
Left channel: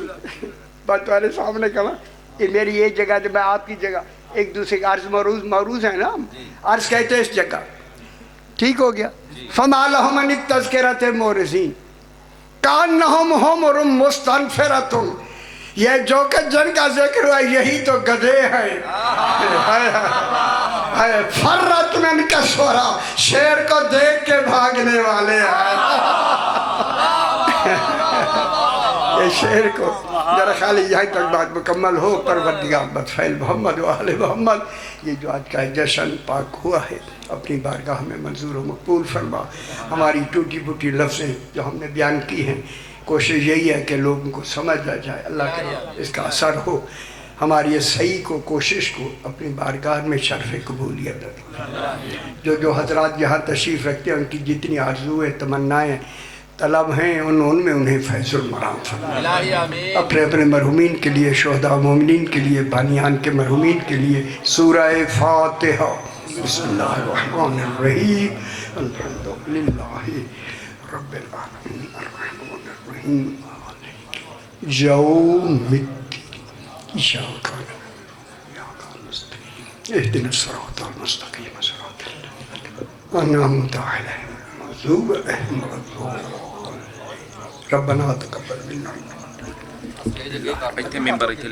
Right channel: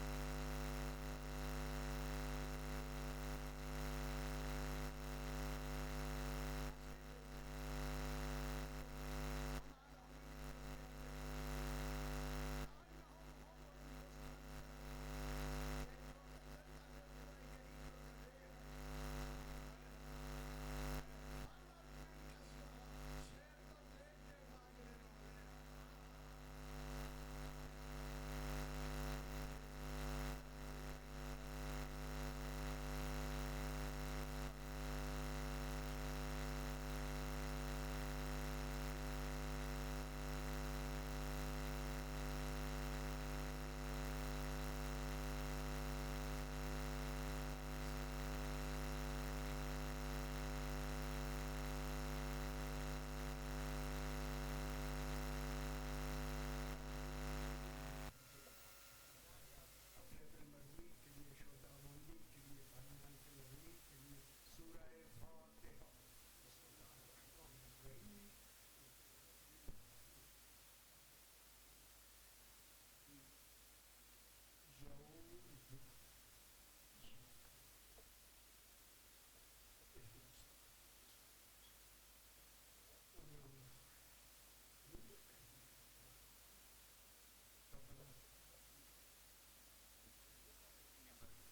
بات تمہارے سامنے کہنا یہ میری یہ جگہ میں آپ کی جگہ ایک دوسرے کا عرض معروض ہے نا. عرض کہتے ہیں اس جگہ. ٹھیک ہو گیا. فما لهم عن التذکرۃ معرضین کانہم حمر مستنفرۃ. یہ جو کہ جن کا ذکر ہوا یہی تو گدھے ہیں. فرت من کسورا شیر کو دیکھ کے بھاگنے والے ہیں. یہ شیر کو ذرا خالی یہاں تک بات مکمل ہو. پروردگار بطفیل محمد و آل محمد یہ جو آج کا جشن پاک ہوا ہے اپنی بارگاہ میں منظور و مقبول فرما. ہماری ٹوٹی پھوٹی لفظیں جو ہم نے بیان کی ہیں کوشش یہی ہے کہ لوگوں کو سمجھ آ جائے. اللہ کرے اس کا اثر ہو. ہماری یہ صحیح کو کوشش کو اپنی بارگاہ میں شرف قبولیت رکھے. جو حضرات یہاں تشریف رکھتے ہیں ان کی جتنی آرزویں تمنائیں طلب ہیں ان میں انہیں فیض المرام فرما. اپنے اپنے مرحومین کے لیے شہداء مومنین کے لیے بانیان کے مرحومین کے لیے سورہ فاتحہ. بسم اللہ الرحمن الرحیم الحمدللہ رب العالمین الرحمن الرحیم یوم الدین ایاک نعبد وایاک نستعین اهدنا الصراط المستقیم صراط الذین انعمت علیہم غیر المغضوب علیہم ربنا تقبل منا. Este member itu